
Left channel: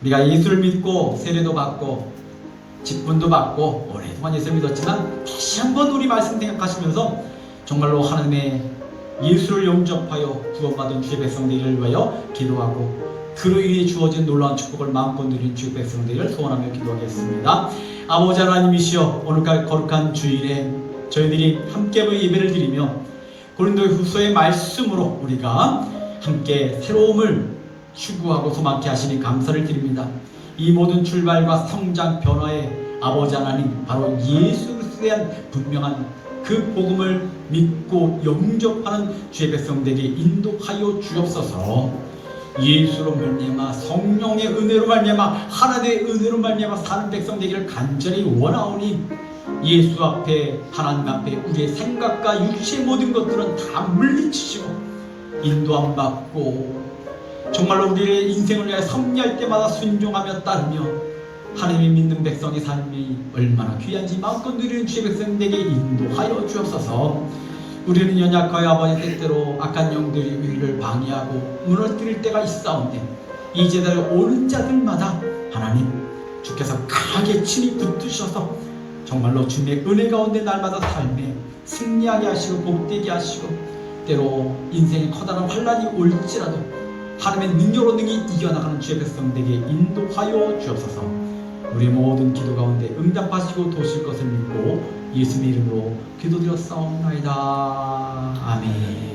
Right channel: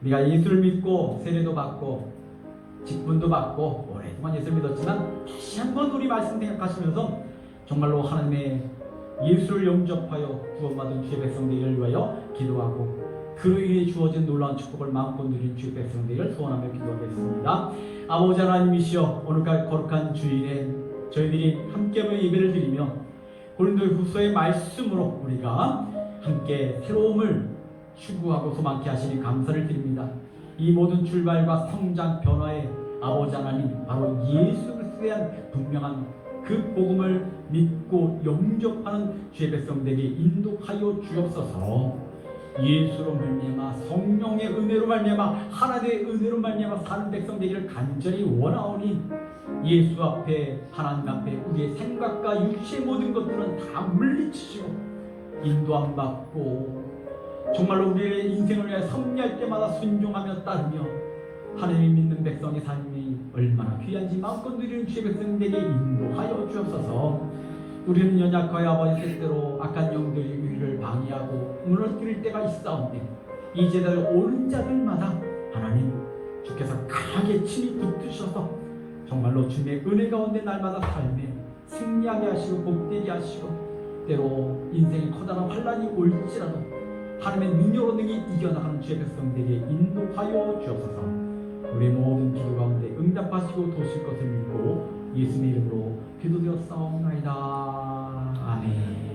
우리가 예수를 믿고 세례도 받고 직분도 받고 오랫동안 예수를 믿었지만 다시 한번 우리 말씀 생각하시면서 정말로 하나님의 예수를 영접하여 구원받은 주의 백성들을 위하여 기도하고 그로 인해 주어진 놀라운 축복을 마음껏 누린 주의 백성들을 소원하며 기도하겠습니다. 아버지 하나님이시여, 오늘까지 거룩한 주일에 저희들이 함께 예배를 드리며 고린도후서의 말씀으로 우리가 함께 새로움을 추구하고 소망케 하시니 감사를 드립니다. 이 모든 출발과 성장 변화의 아버지 하나님, 바로 예수 그리스도에 대한 분명한 그 복음을 믿고 영접하는 주의 백성들에게 인도하여 주옵소서. 예수로 말미암아 성령의 은혜로 말미암아 하나님의 은혜로 말미암아 사는 백성 되기를 간절히 원하오니 예수 앞에 하나님 앞에 우리의 생각과 육체의 모든 것들은 다 물리치시고 인도함 받고 정말로 우리의 인생을 위해 섭리할 때마다 순종하며 따르며 하나님이 믿는 백성의 삶이 얼마나 귀한지 마음껏 누리는 주의 백성에게 인도하여 주옵소서. 우리는 연약하여 아버지 때때로 악한 영들이 우리를 방해하고 무너뜨릴 때가 있사온데 이 제자를 오는 자들마다 하나님 주께서 강하게 친히 붙드셔서 정말로 주님의 은혜 가운데 날마다 삶에 승리하게 하시고 복되게 하시고 때로 인생에 커다란 환란이 올지라도 하나님의 능력으로 능히 이겨나가는 주의 백성들에게 인도하여 주옵소서. 우리 모든 기도 가운데 응답하시고 도실 것을 믿고 예수님의 이름으로 기도드렸사옵나이다. 아멘.